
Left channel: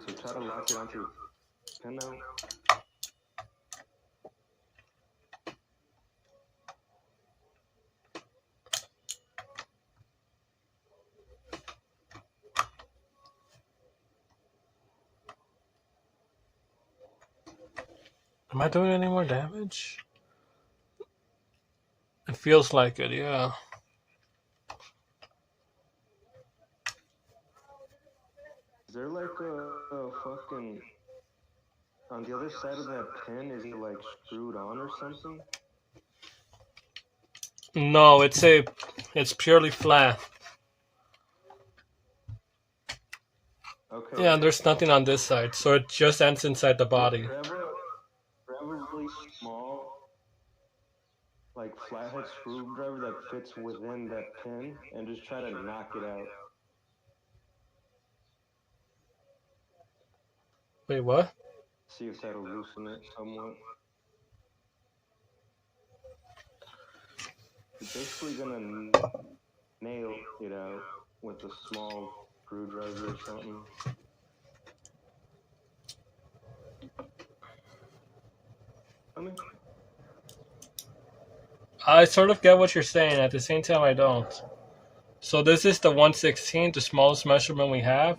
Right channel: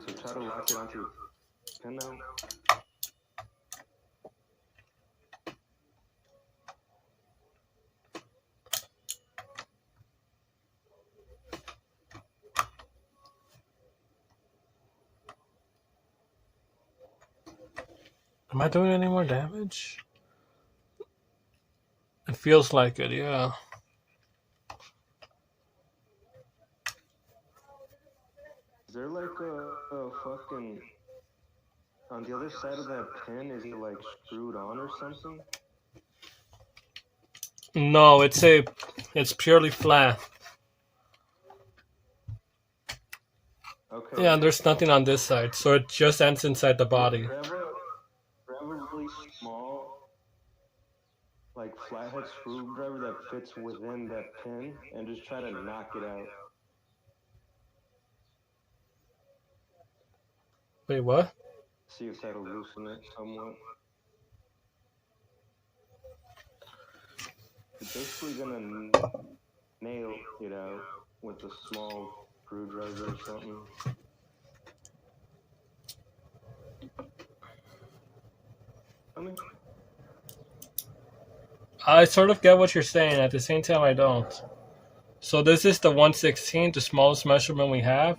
So try to lock it onto the pin now. Am I doing any more damage? It feels like it, yeah. Is there like a fucking... On the other side of that pin, is it like screwed on or something? No, it's purely flat. Okay. Yeah, and there's nothing on this side, so it just ends inside the body. Grab a really small, like flathead screwdriver that fits within that pin, and just try to knock it out. Wait, what? See if that'll loosen it somewhat. You're basically gonna nail it out with a small screwdriver or something. I sort of get what you're saying. At the same time, I don't. So this is the 1/16, the smallest measurement we have.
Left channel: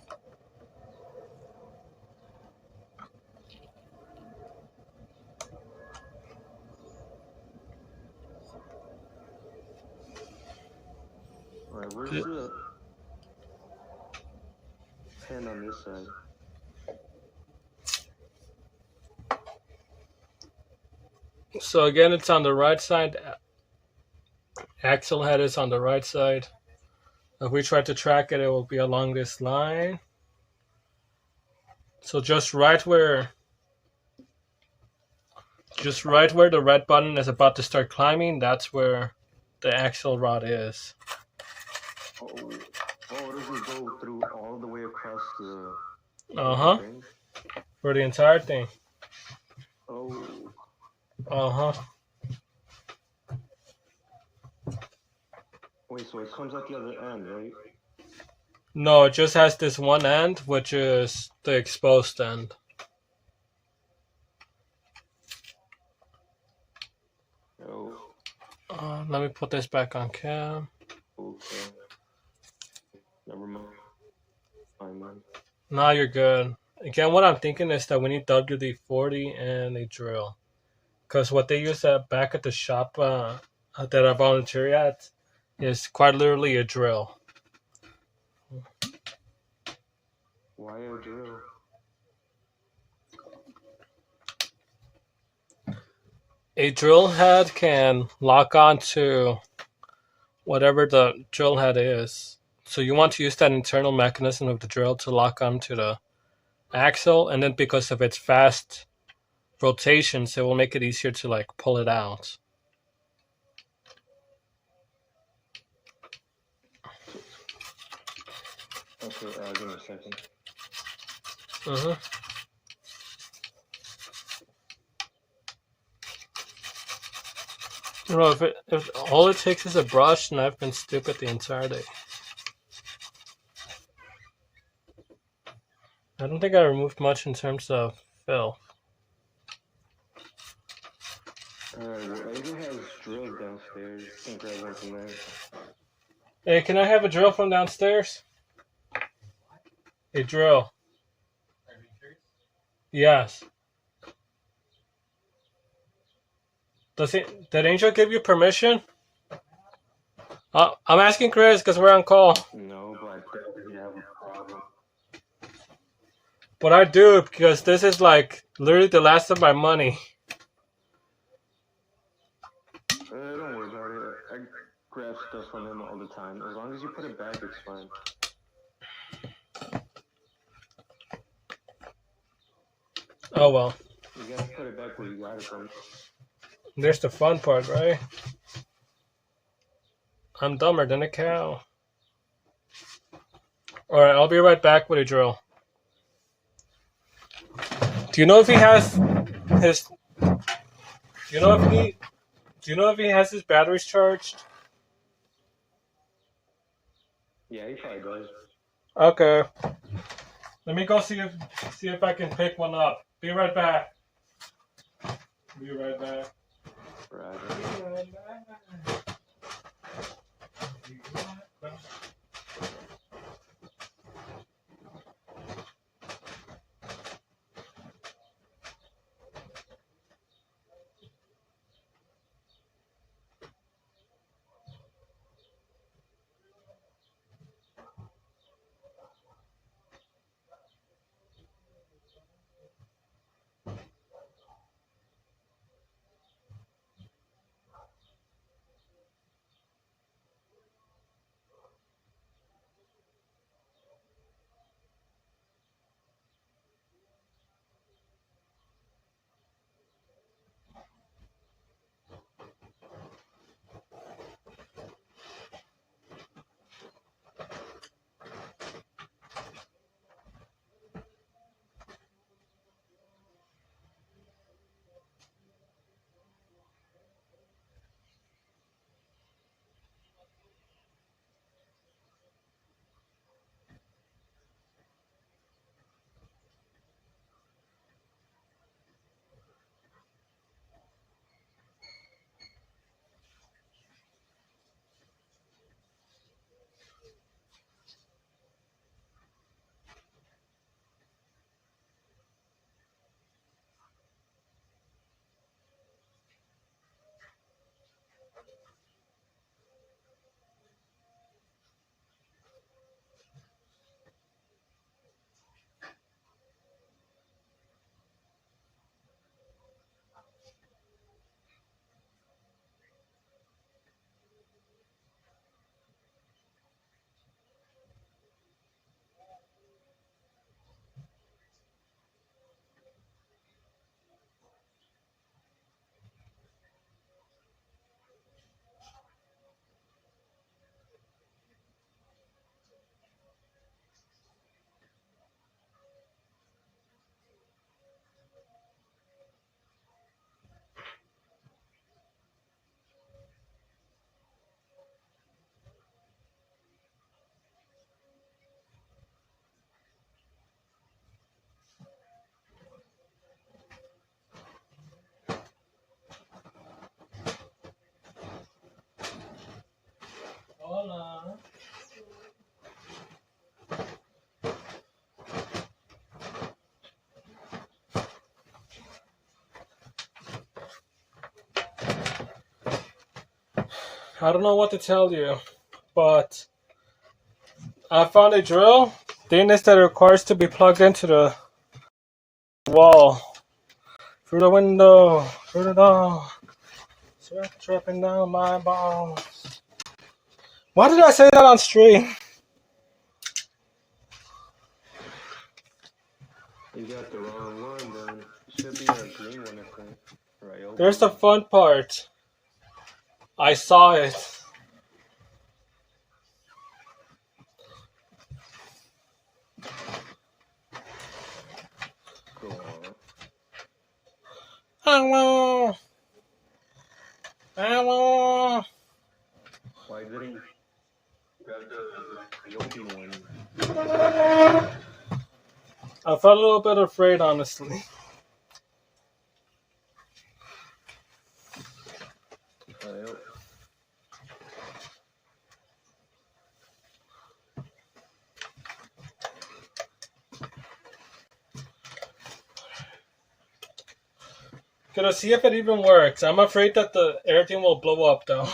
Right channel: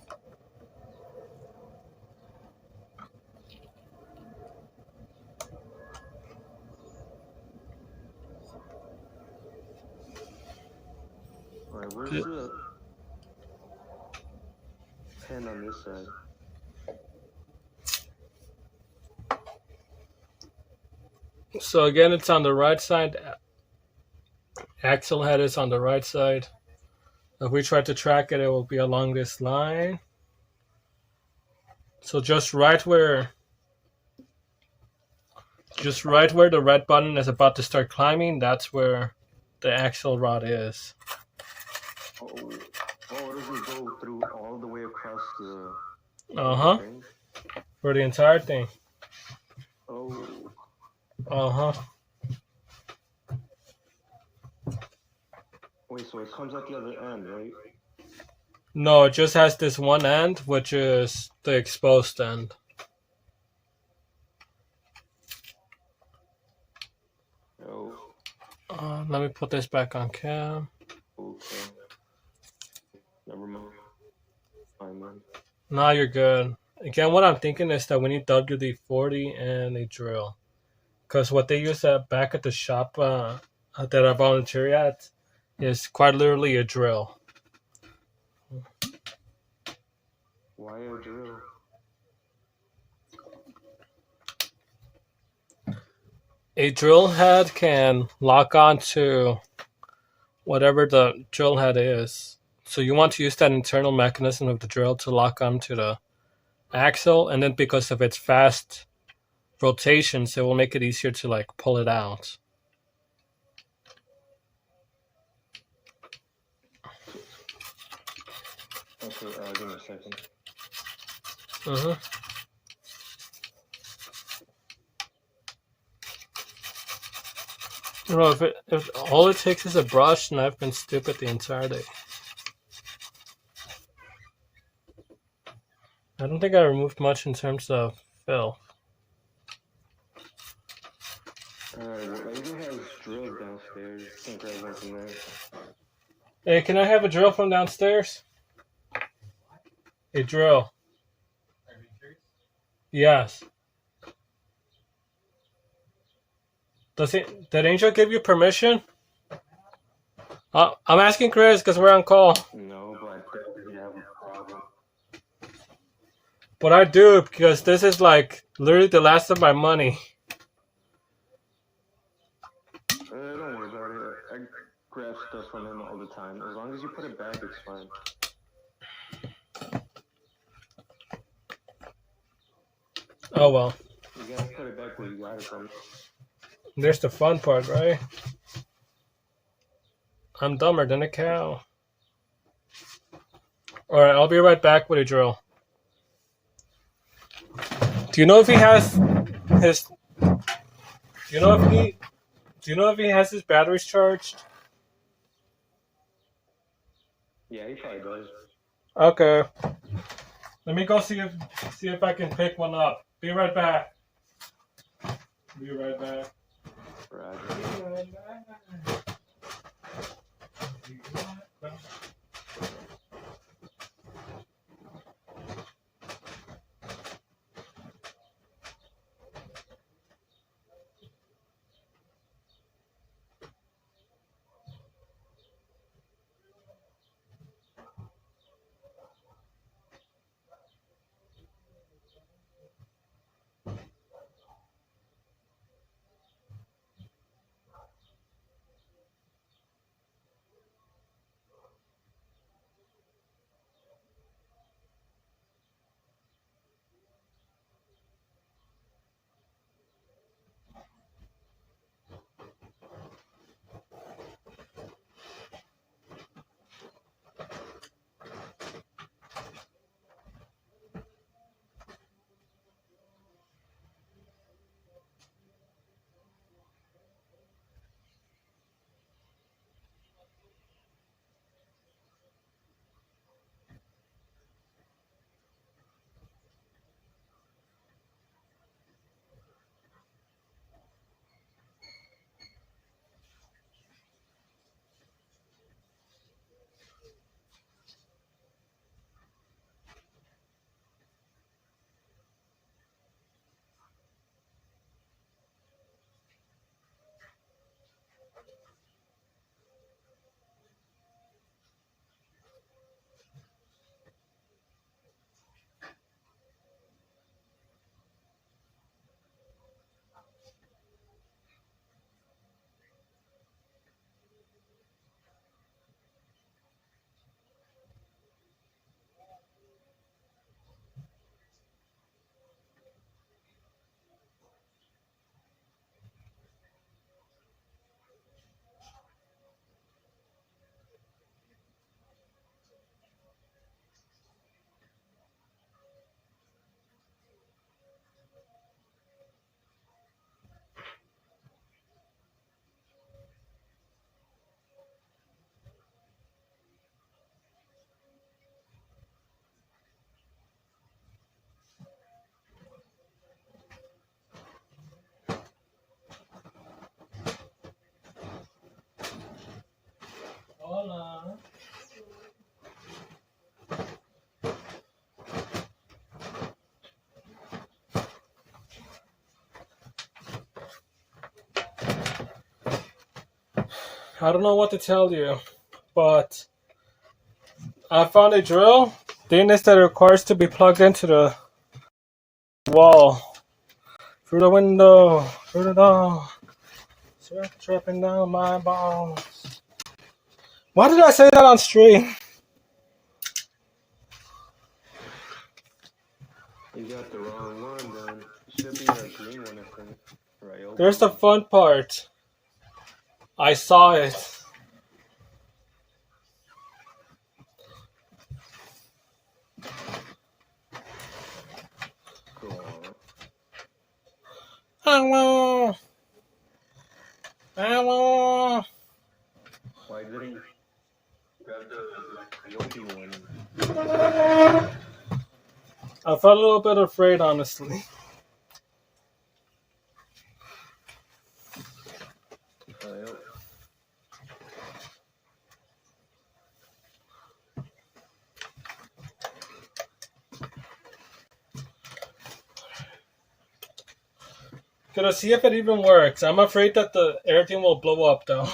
Alright, where's the pin on this side? So again, it's on the right side. Axle head is on the right side. If we try to track it, it will be along this line. So just right where the red button is about to start climbing, that's where the axle rod is. Oh, it doesn't go through all the way across the thing? For the entire thing. Oh. Wait, so it comes out the other end, right? No, it just has this one end, which is the exposed end. Oh. Let me put this back on cam. Oh. okay. Never mind, man. Nah, you're good. Again, what I'm thinking is that we need WD-40 and a drill. Because what they use back at the shop that I volunteer at is quite literally a drill. Why a drill? A drill head can lock onto whatever the drill head is. So you want to use that internal mechanism of the drill to lock onto the axle, and then because of its fast rotations, it will make it easier to like pull it out. Okay, give me a second. Bro, if all it takes is a brush, and I've been stupid the entire day. I don't think I removed much in terms of filth. Alright, well, Azul has drills downstairs. You can grab one from there. Hey, can I have a drill from downstairs? A drill. Yes. Did Angel give you permission? I'm asking Chris because we're on call. No, but I definitely have a problem. But I do, because this is like literally the last of my money. Don't worry about it. I grab stuff from him all the time. As long as you put it back, it's fine. Oh well. You gotta put it back where you got it from. There's the fun part, right? I'm dumber than a cow. Alright, I'll be right back with a drill. Do you know if he has his... Do you know if he has his batteries charged? Yeah, he probably does. Okay. Let me go see if I can pick one up. Be right back. Be right back. Roger. I don't know what to tell you, but I found a drill. Thing is that it requires to be plugged into the wall. Through the window, through the door. Sweat dripping down my balls. Why did I say that on stream? You got the wrong one then. It should be a green one, I think. Right. Here's the fun part. I saw it. Go on. Hello. Why didn't you grab the Yogi one? I felt a little bit afraid, honestly. Yep. Gonna see if it even works. I'm afraid that everything will blow up though.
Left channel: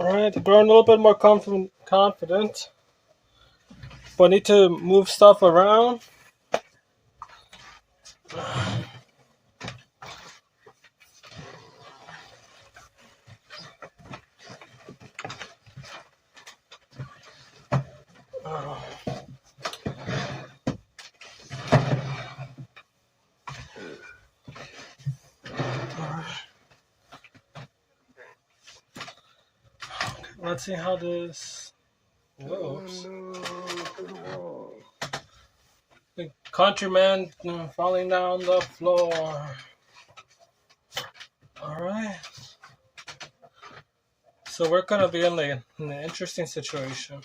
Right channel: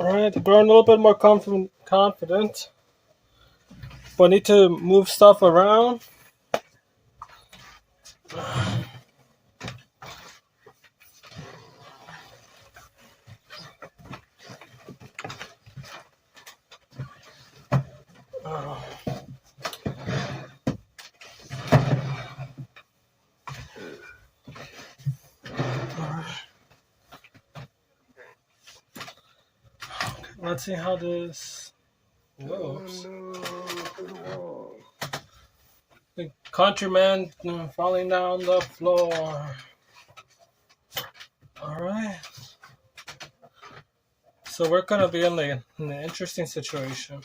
Alright, growing a little bit more confident. But I need to move stuff around. Let's see how this works. The countryman falling down the floor. Alright. So we're gonna be in an interesting situation.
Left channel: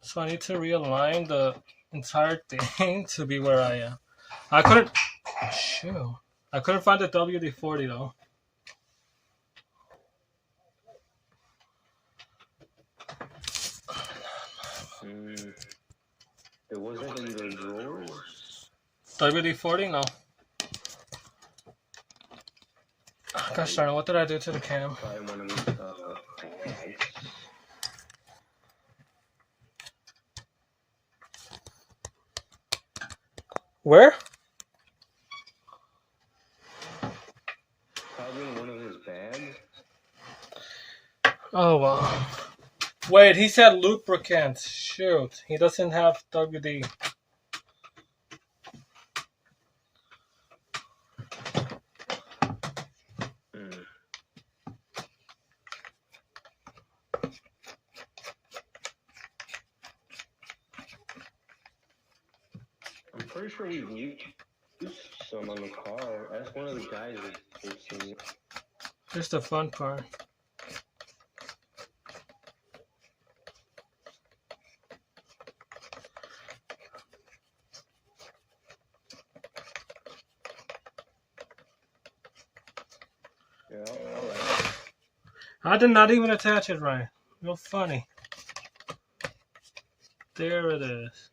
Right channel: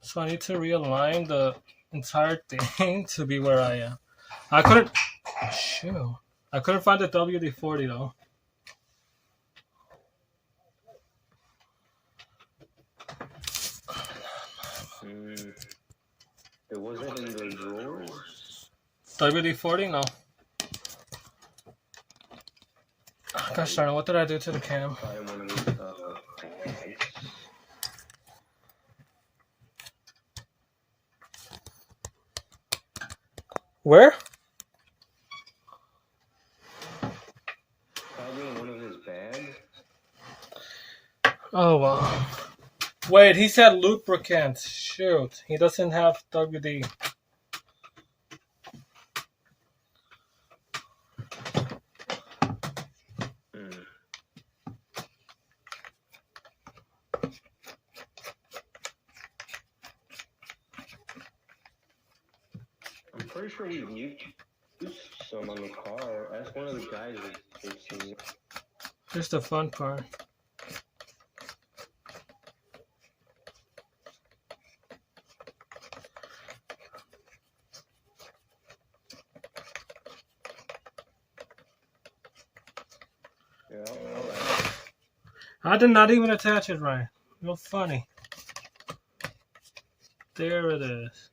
So I need to realign the entire thing to be where I am. I couldn't find the WD-40 though. It wasn't in the drawers? WD-40? No. Gosh darn, what did I do to the cam? Probably one of these bags. Where? Probably one of his bags. Oh wow. Wait, he said lubricant. Shoot, he doesn't have WD. I'm pretty sure we've used some on the car. Ask one of the guys if they've seen it. Here's the fun part. Yeah, I'll ask him. I did not even attach it right. You're funny. There it is.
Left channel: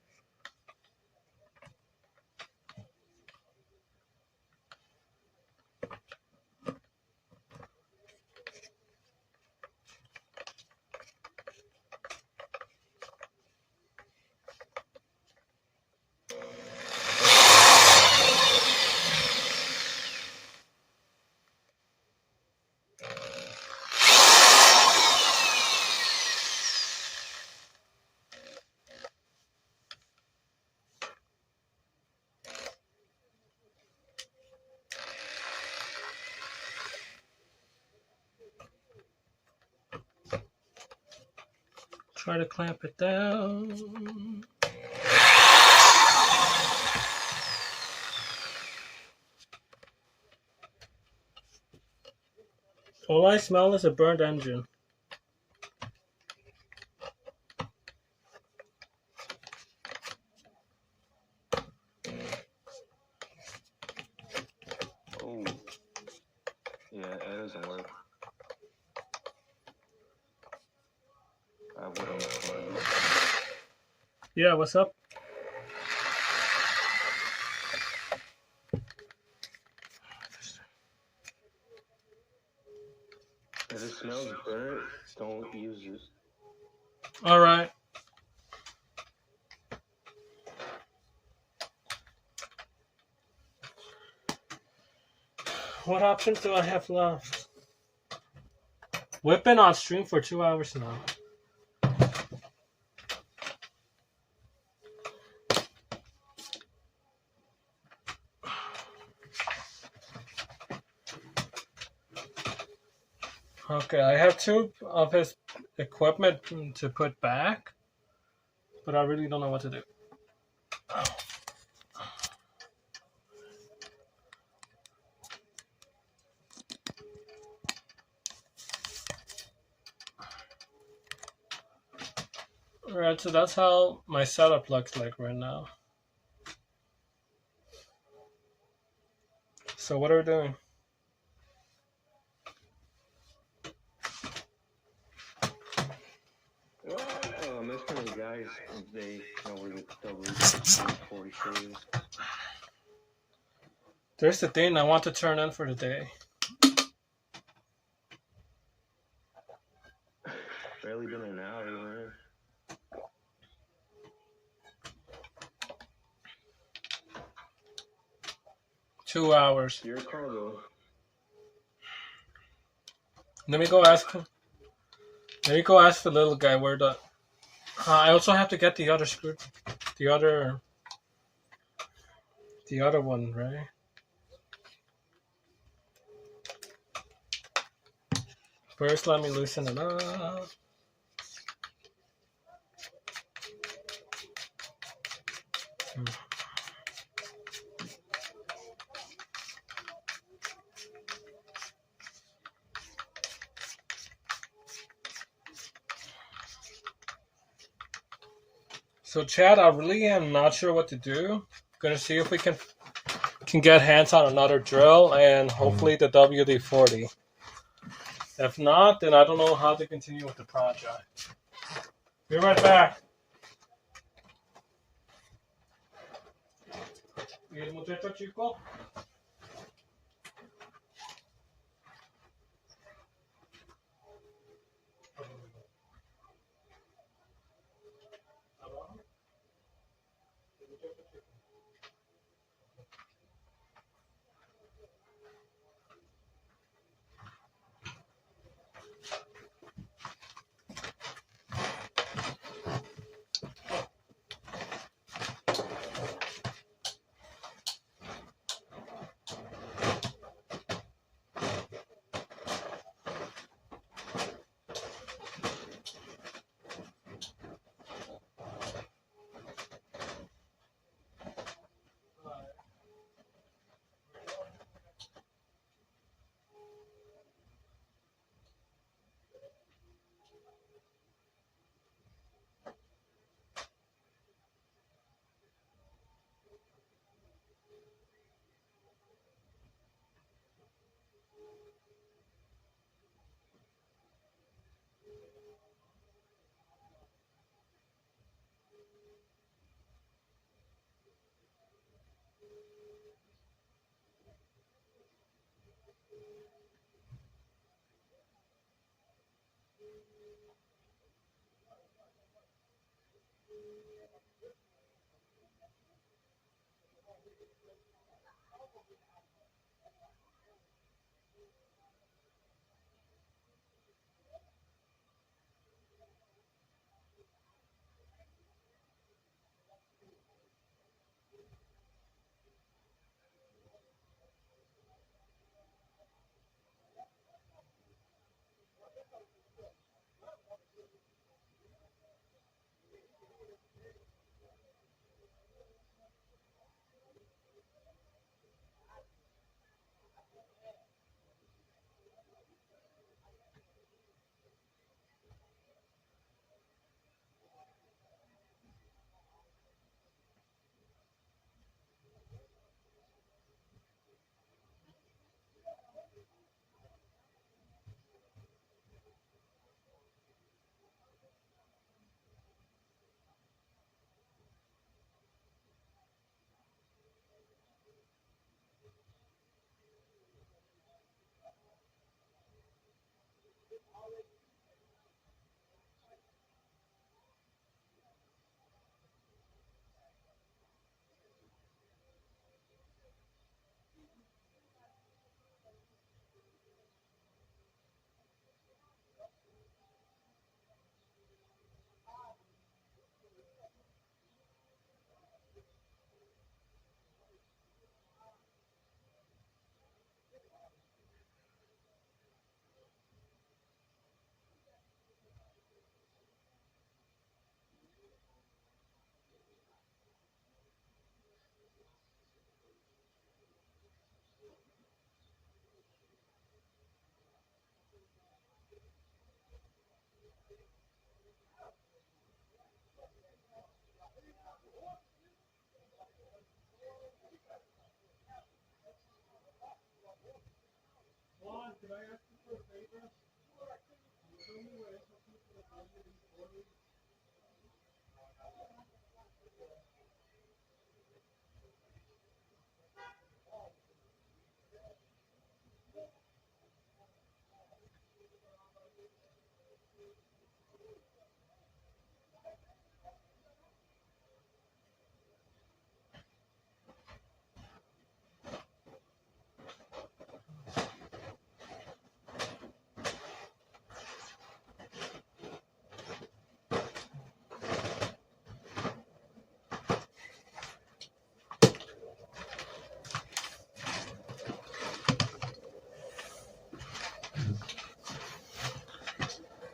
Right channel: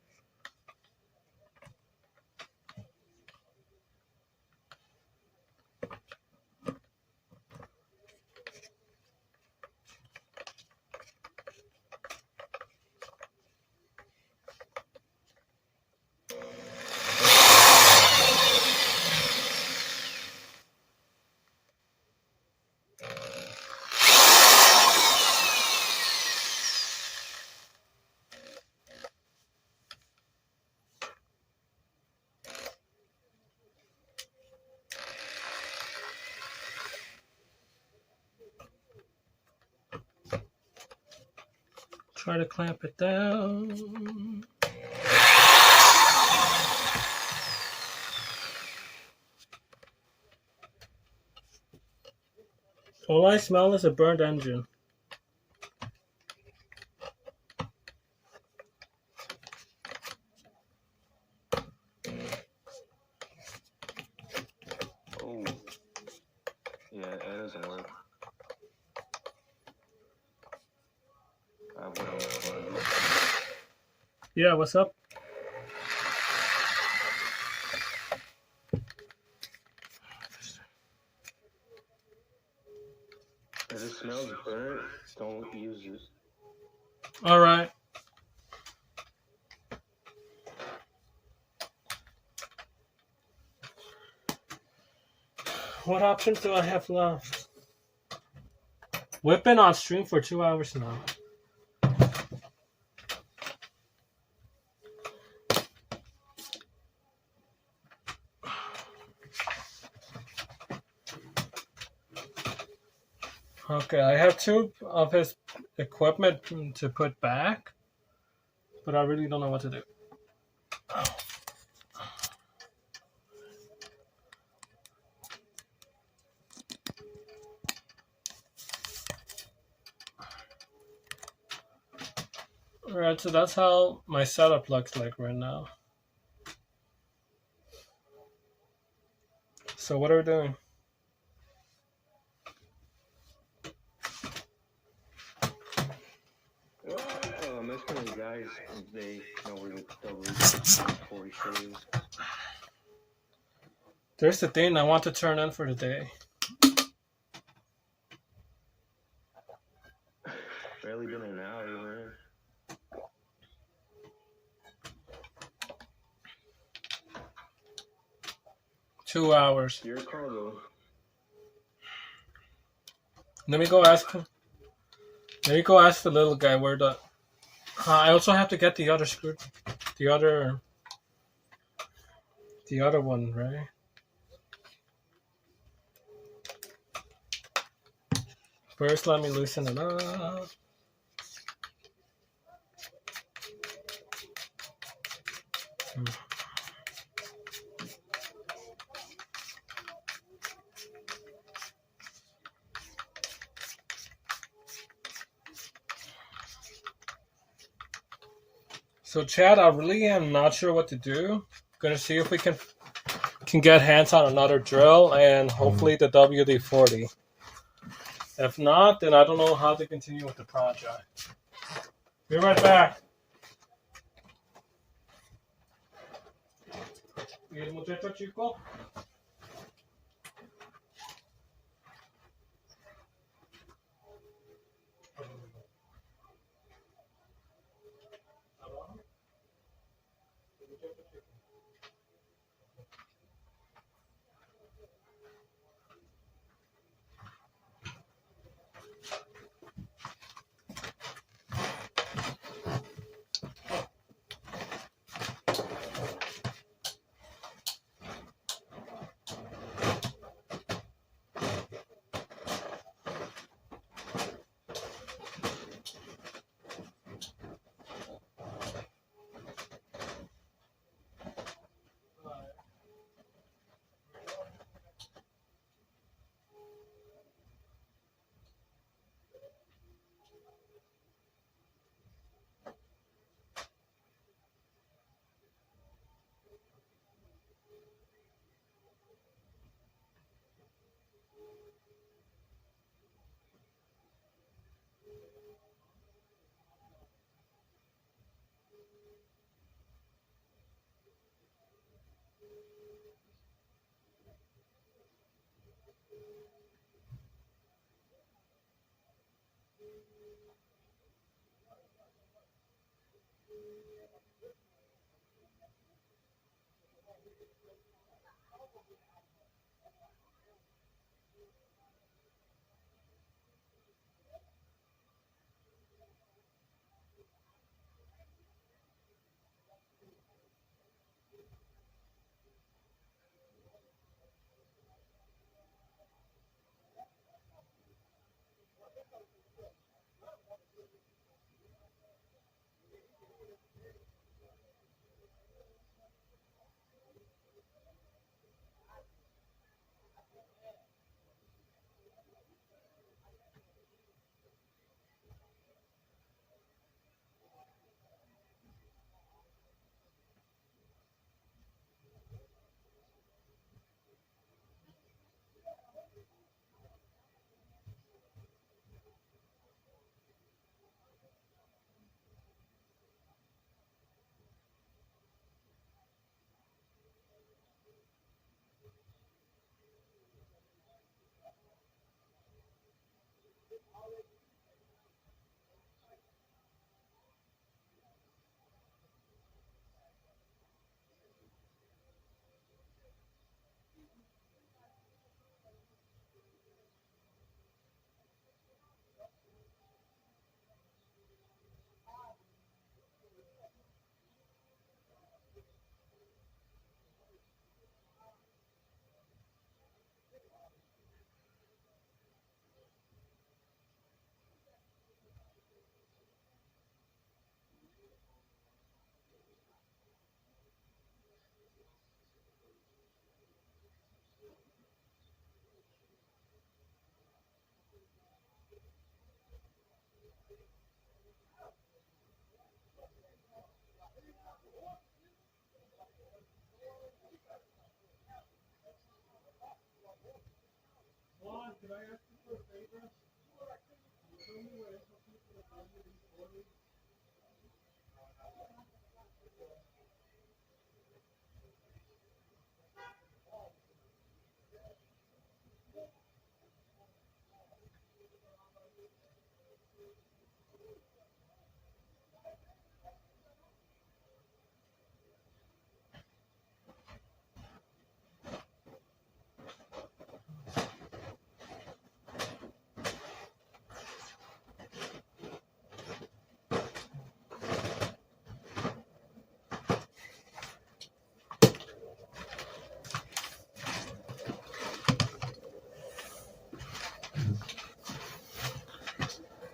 Try to clamp it down. All I smell is a burned engine. Yeah, that doesn't work. I would unplug it. Yeah, what's up? If it smells burnt, don't use it. All right. What options do I have left? We've been on stream for 2 hours now. Okay, I have 2 of his equipment to put back, but I really don't know what to do. Alright, so that's how my setup looks like right now. So what are we doing? I'm asking the guys if they know where the WD-40 shit is. There's the thing I want to turn in for the day. Barely been an hour, man. Two hours. It's your call, though. Let me go ask him. Let me go ask the little guy where the... I also have to get the other screw... The other one, right? First, let me loosen it up. So Chad, I really am not sure what to do. Gonna see if we can get hands on another drill and hopefully the WD-40. If not, then I don't know how to continue with the project. Be right back. ¿Y el muchacho chico?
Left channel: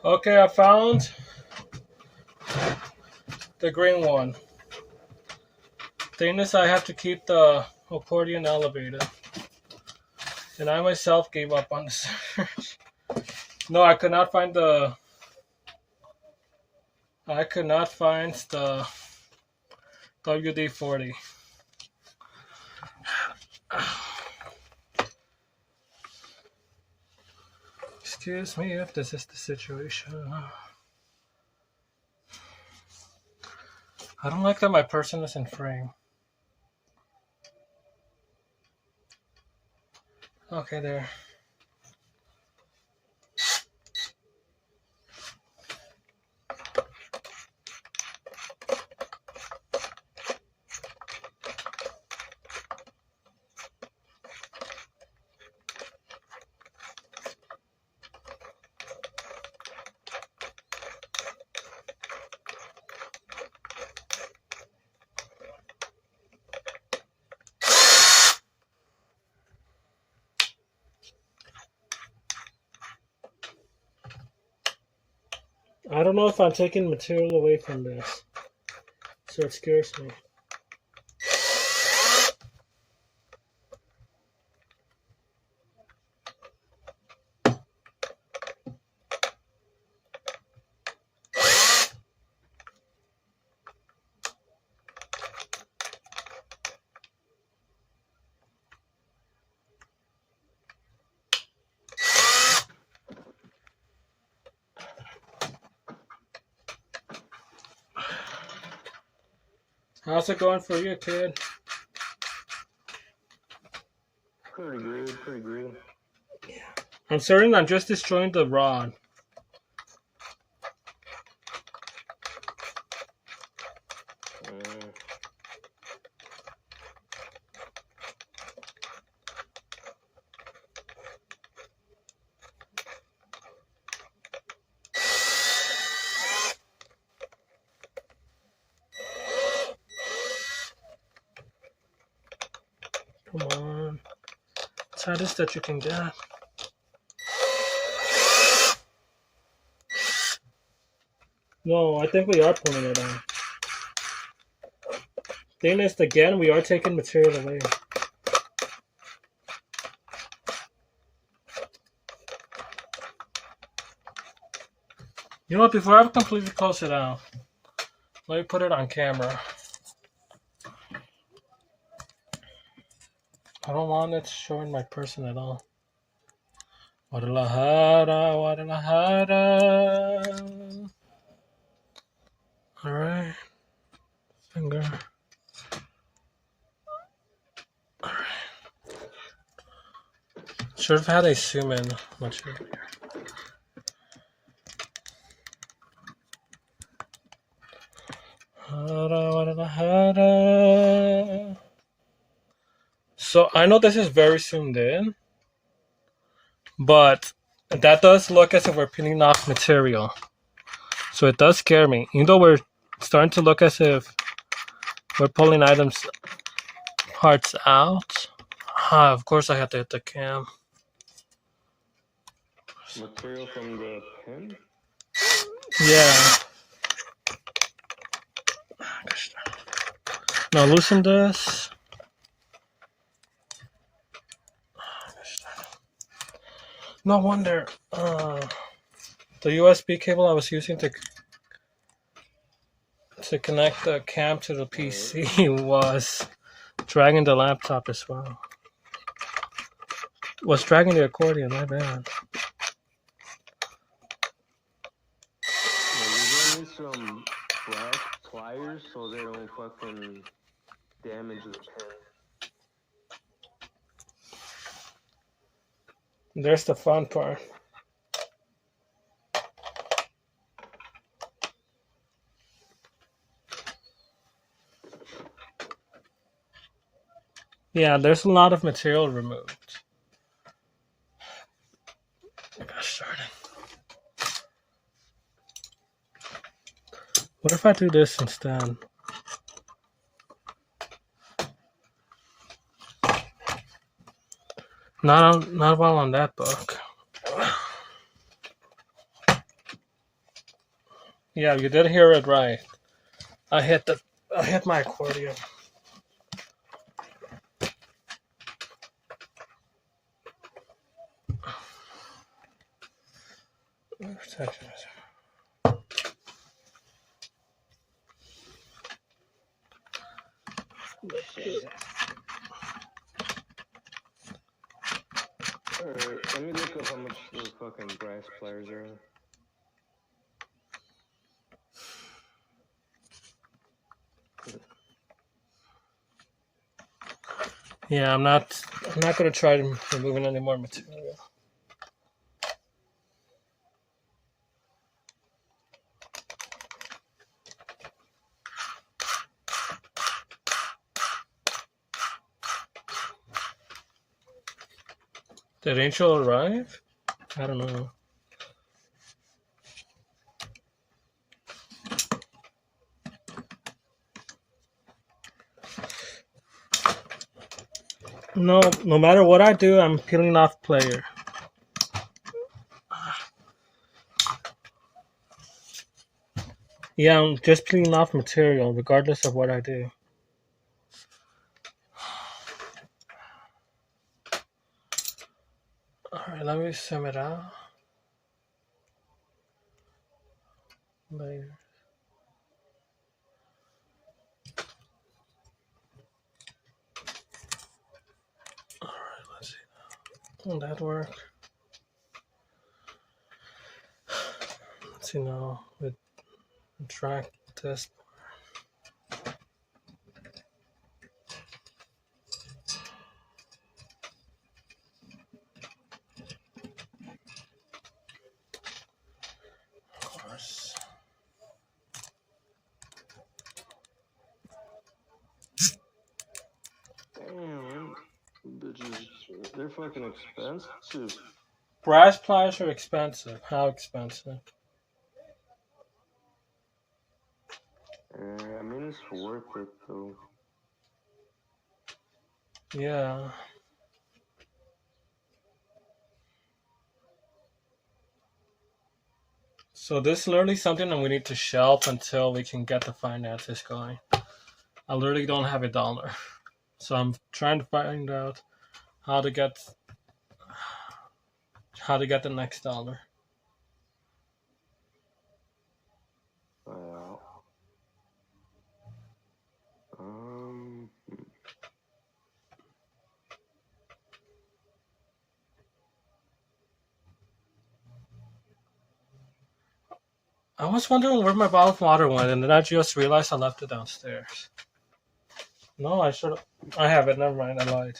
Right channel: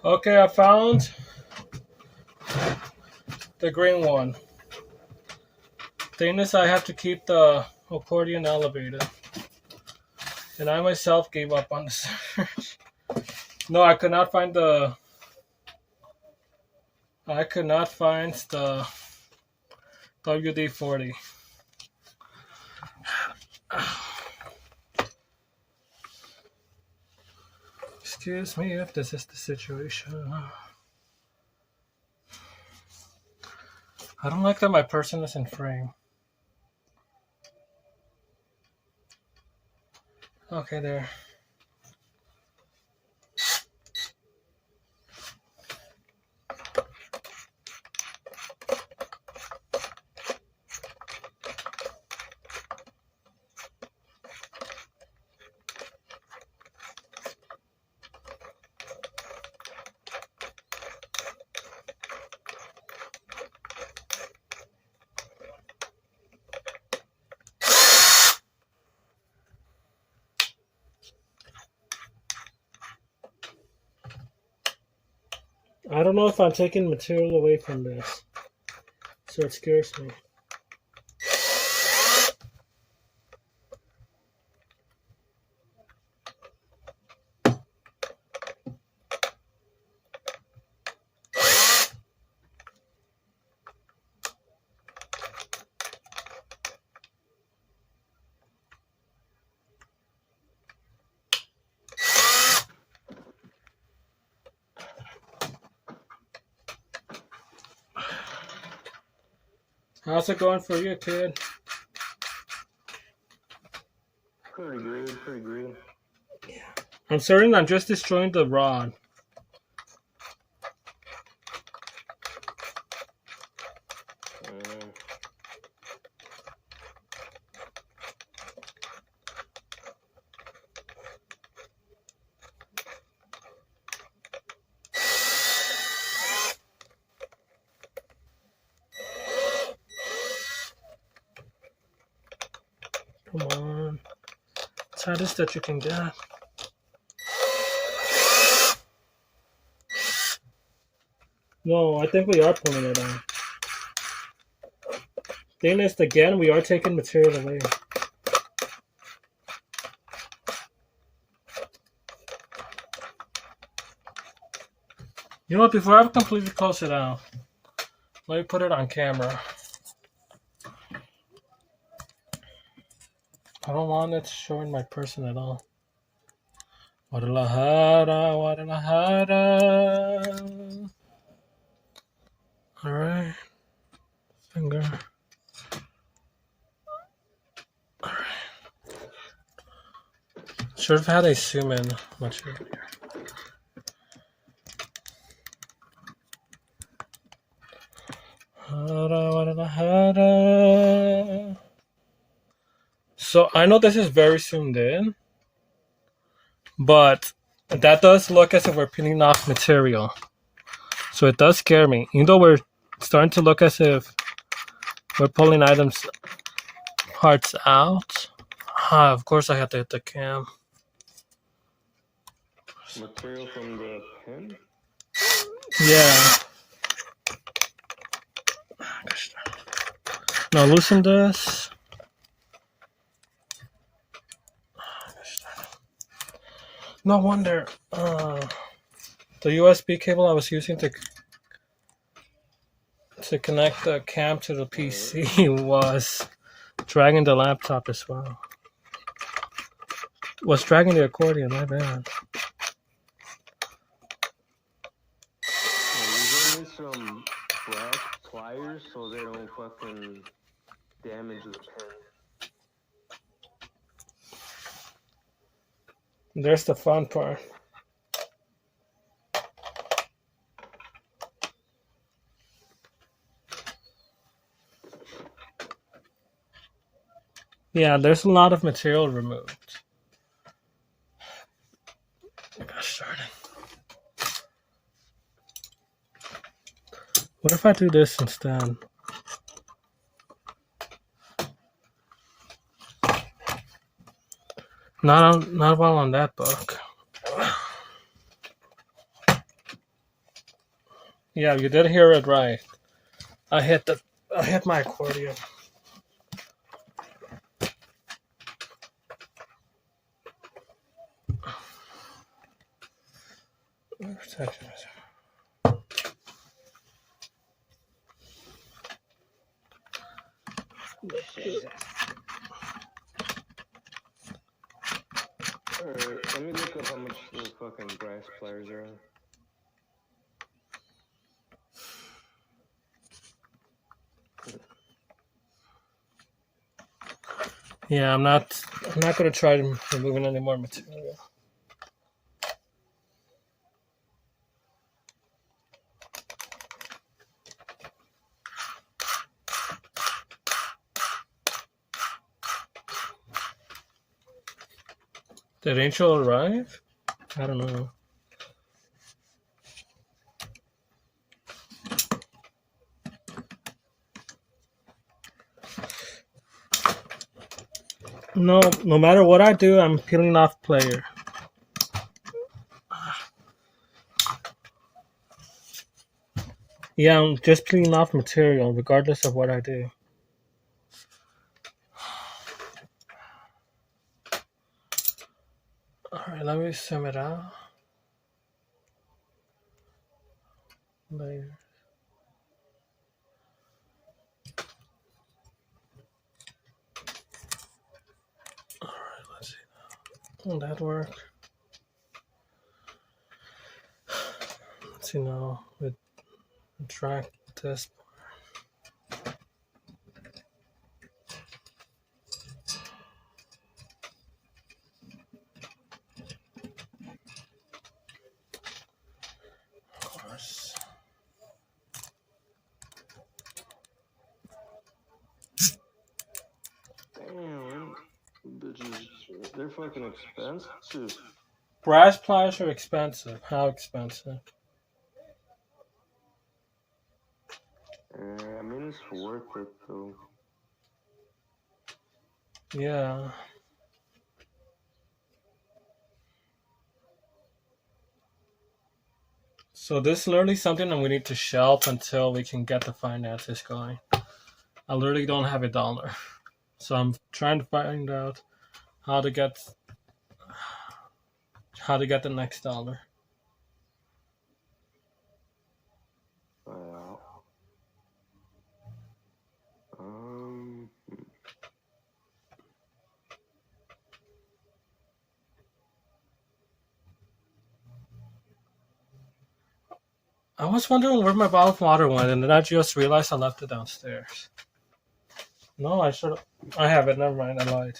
Okay, I found the green one. Thing is, I have to keep the accordion elevated. And I myself gave up on the search. No, I could not find the... I could not find the WD-40. Excuse me if this is the situation. I don't like that my person is in frame. Okay, there. I don't know if I'm taking material away from this, so it scares me. How's it going for you, kid? Pretty good, pretty good. I'm certain I'm just destroying the rod. Come on. It's hardest that you can get. No, I think we are pulling it on. Thing is, again, we are taking material away. You know what, before I completely close it out, let me put it on camera. I don't want it showing my person at all. Guadalajara, Guadalajara. Alright. Finger. Alright. Should have had a zoom in much easier. So I know this is very zoomed in, but that does look as if we're peeling off material. So it does scare me. Even though we're starting to look as if we're pulling parts out. Of course I have to hit the cam. Material from the pen? Yeah. Now loosen this. No wonder the USB cable I was using to connect the cam to the PC was dragging the laptop as well. was dragging the accordion, my bad. Yeah, you're gonna need some brass pliers so they don't fucking damage the pin. There's the fun part. Yeah, there's a lot of material removed. Gosh darn it. What if I do this instead? Not while on that book. Yeah, you did hear it right. I hit my accordion. Jesus. Alright, let me look up how much the fucking brass pliers are. Yeah, I'm not gonna try removing any more material. Did Angel arrive? I don't know. No matter what I do, I'm peeling off player. Yeah, I'm just peeling off material regardless of what I do. Alright, let me sum it out. Layer. Alright, let's see. Will that work? Let's see now. Track this. Of course. Damn, bitches, they're fucking expensive. Brass pliers are expensive. How expensive? I mean, it's worth it though. Yeah. So this is literally something that we need to shelf until we can get the finances going. I literally don't have $1. So I'm trying to find out how to get the next dollar. Wow. I was wondering where my bottle of water went, and then I just realized I left it downstairs. No, I have it. Never mind. I lied.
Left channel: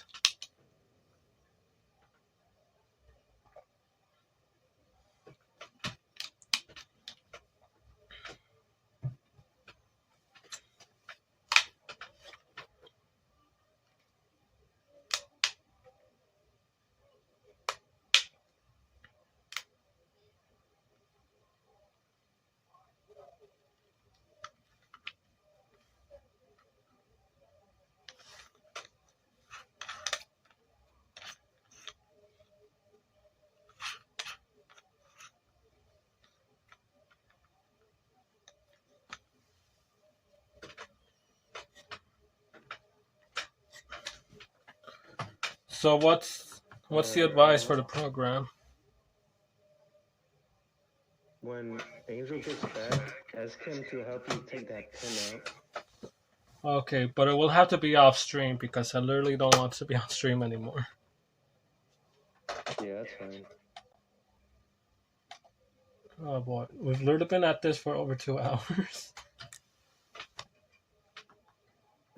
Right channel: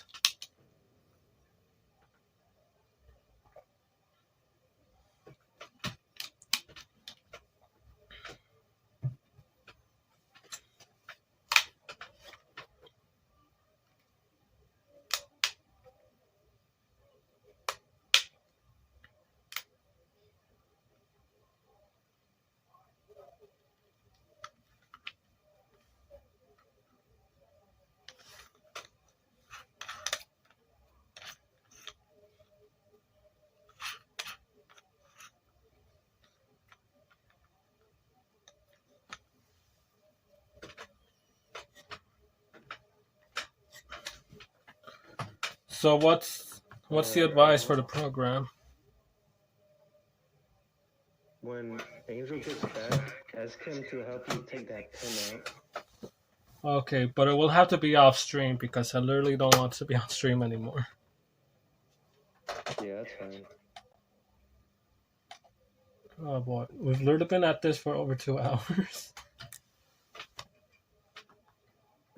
So what's the advice for the program? When Angel gets back, ask him to help you take that pin out. Okay, but it will have to be off stream because I literally don't want to be on stream anymore. Yeah, that's fine. Oh boy, we've literally been at this for over 2 hours.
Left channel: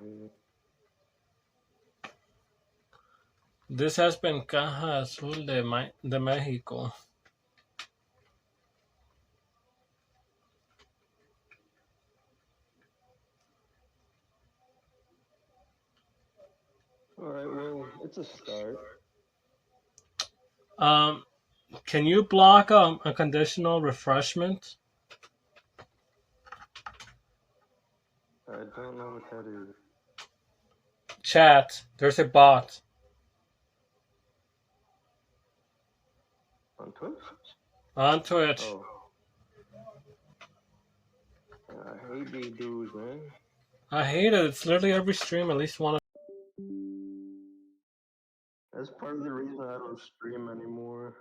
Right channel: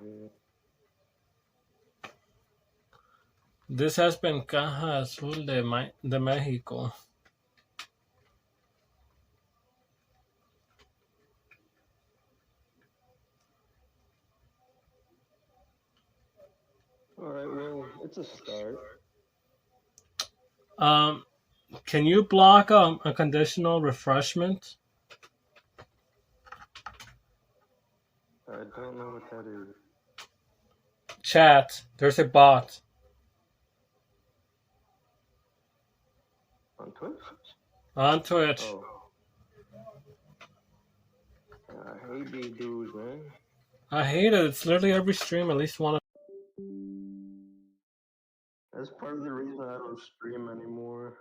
Yeah. This has been Caja Azul de Mexico. All right, well, it's a start. Can you block a conditional refreshment? I don't know what that is. Chat, there's a bot. On Twitch? On Twitch. Oh. I hate these dudes, man. I hate it. It's literally every stream, at least one. That's part of the reason I don't stream anymore.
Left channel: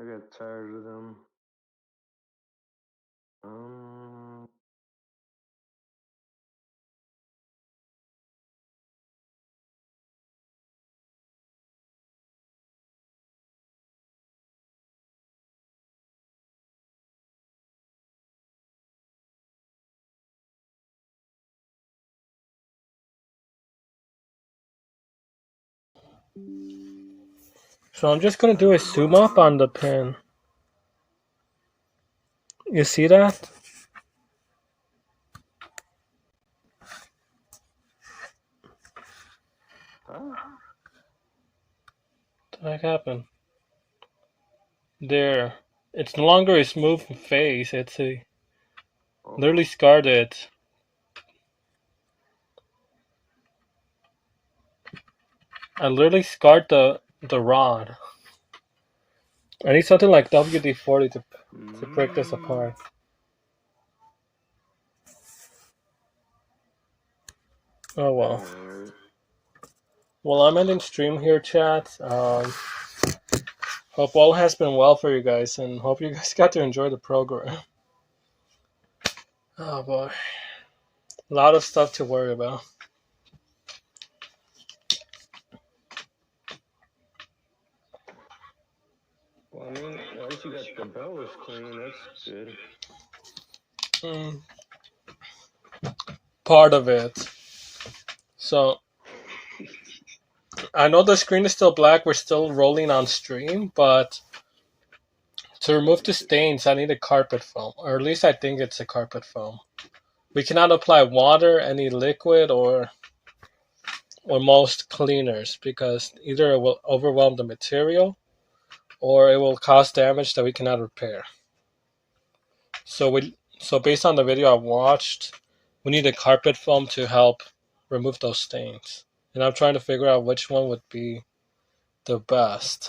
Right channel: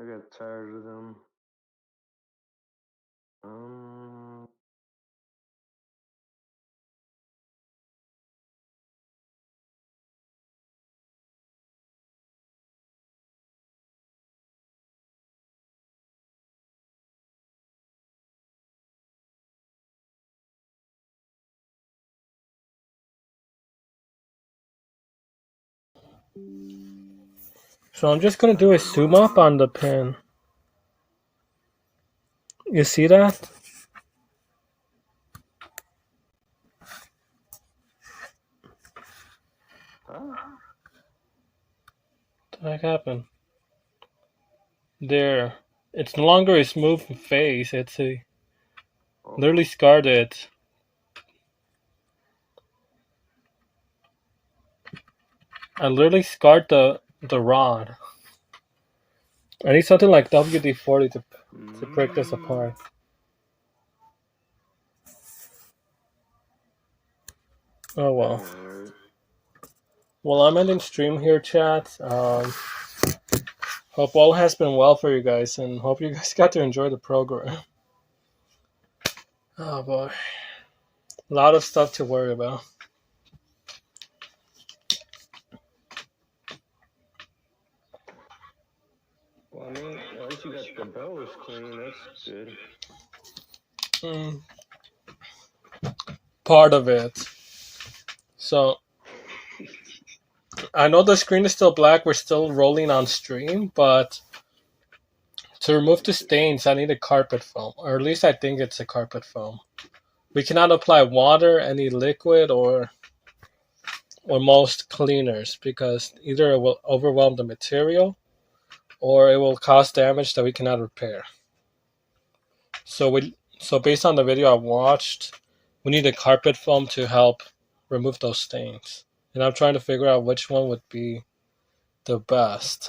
I got tired of them. So I'm just gonna do a zoom up on the pin. You see that? Huh? What happened? There. It's no longer a smooth face. It's a literally scarred it. I literally scarred the rod. I need something like WD-40 to break this apart. Oh well. Well, I'm ending stream here, chat. Hope all has been well for you guys, and hope you guys got to enjoy the program. Oh boy. A lot of stuff to worry about. Well, I mean, at least you got the bellows clean. That's good. Part of it. So, I know the screen is still black. We're still rolling on stream, but to remove the stains, I need a carpet foam, or at least I think it's a carpet foam. We cannot apply water, any liquid, or most cleaners, because either it will overwhelm the material or it will cause damage that we cannot repair. So based on the video I watched, we need a carpet foam to help remove those stains. And I'm trying to figure out which one would be the best.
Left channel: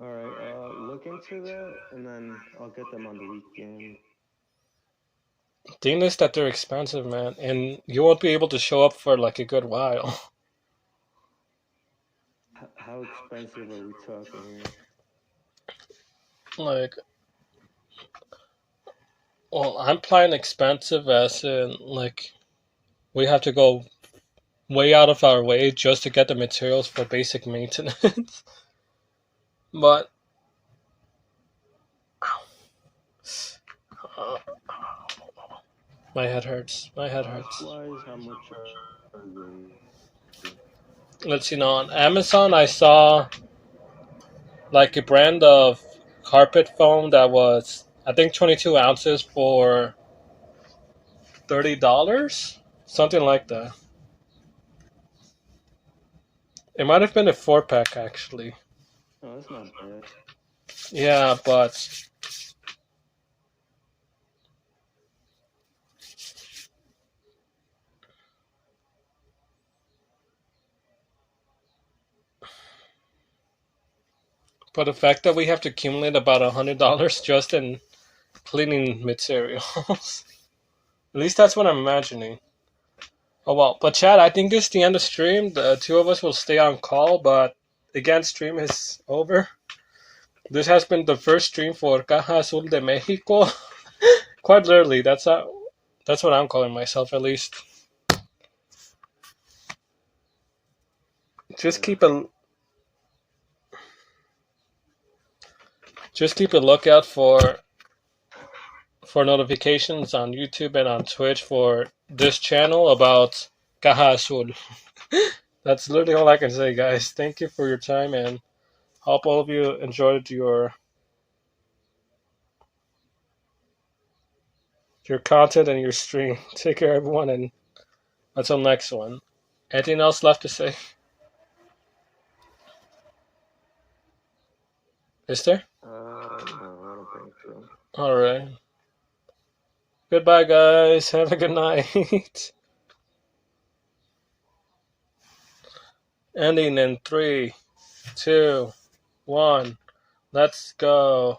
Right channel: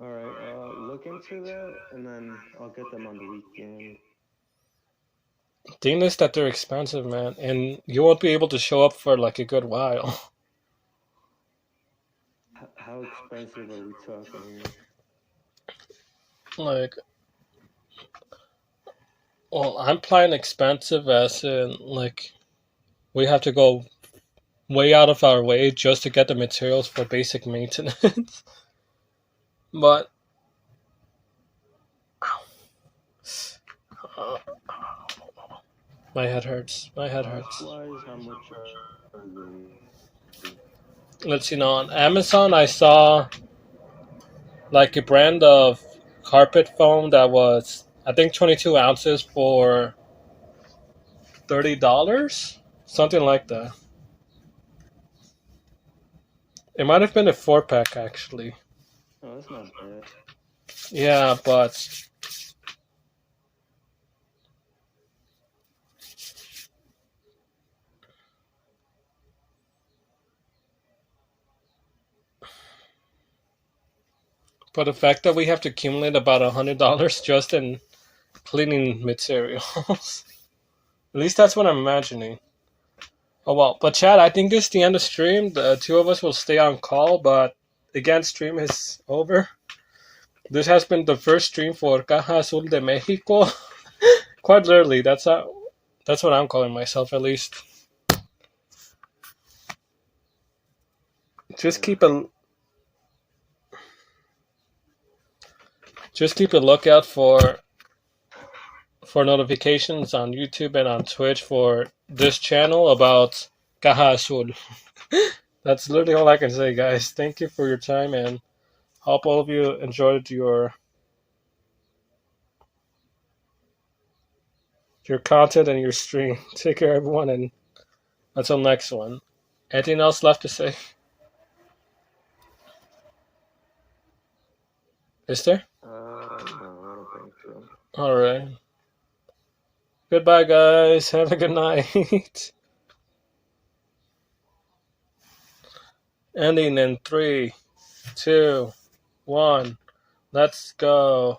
All right, look into that, and then I'll get them on the weekend. The thing is that they're expensive, man, and you won't be able to show up for like a good while. How expensive are we talking here? Like, well, I'm playing expensive as in, like, we have to go way out of our way just to get the materials for basic maintenance. But my head hurts. My head hurts. Cost-wise, how much are they? Let's see, now on Amazon I saw like a brand of carpet foam that was, I think, 22 ounces for $30, something like that. It might have been a 4-pack actually. Oh, that's not bad. Yeah, but the fact that we have to accumulate about $100 just in cleaning materials. At least that's what I'm imagining. Oh well, but Chad, I think this is the end of stream. The two of us will stay on call, but again, stream is over. This has been the first stream for Caja Azul de Mexico. Quite literally, that's what I'm calling myself, at least. just keep a lookout for notifications on YouTube and on Twitch for this channel about Caja Azul. That's literally all I can say, guys. Thank you for your time, and hope all of you enjoyed your content and your stream. Take care, everyone, and until next one. Anything else left to say? Is there? No, I don't think so. All right. Goodbye, guys. Have a good night. Ending in 3, 2, 1. Let's go.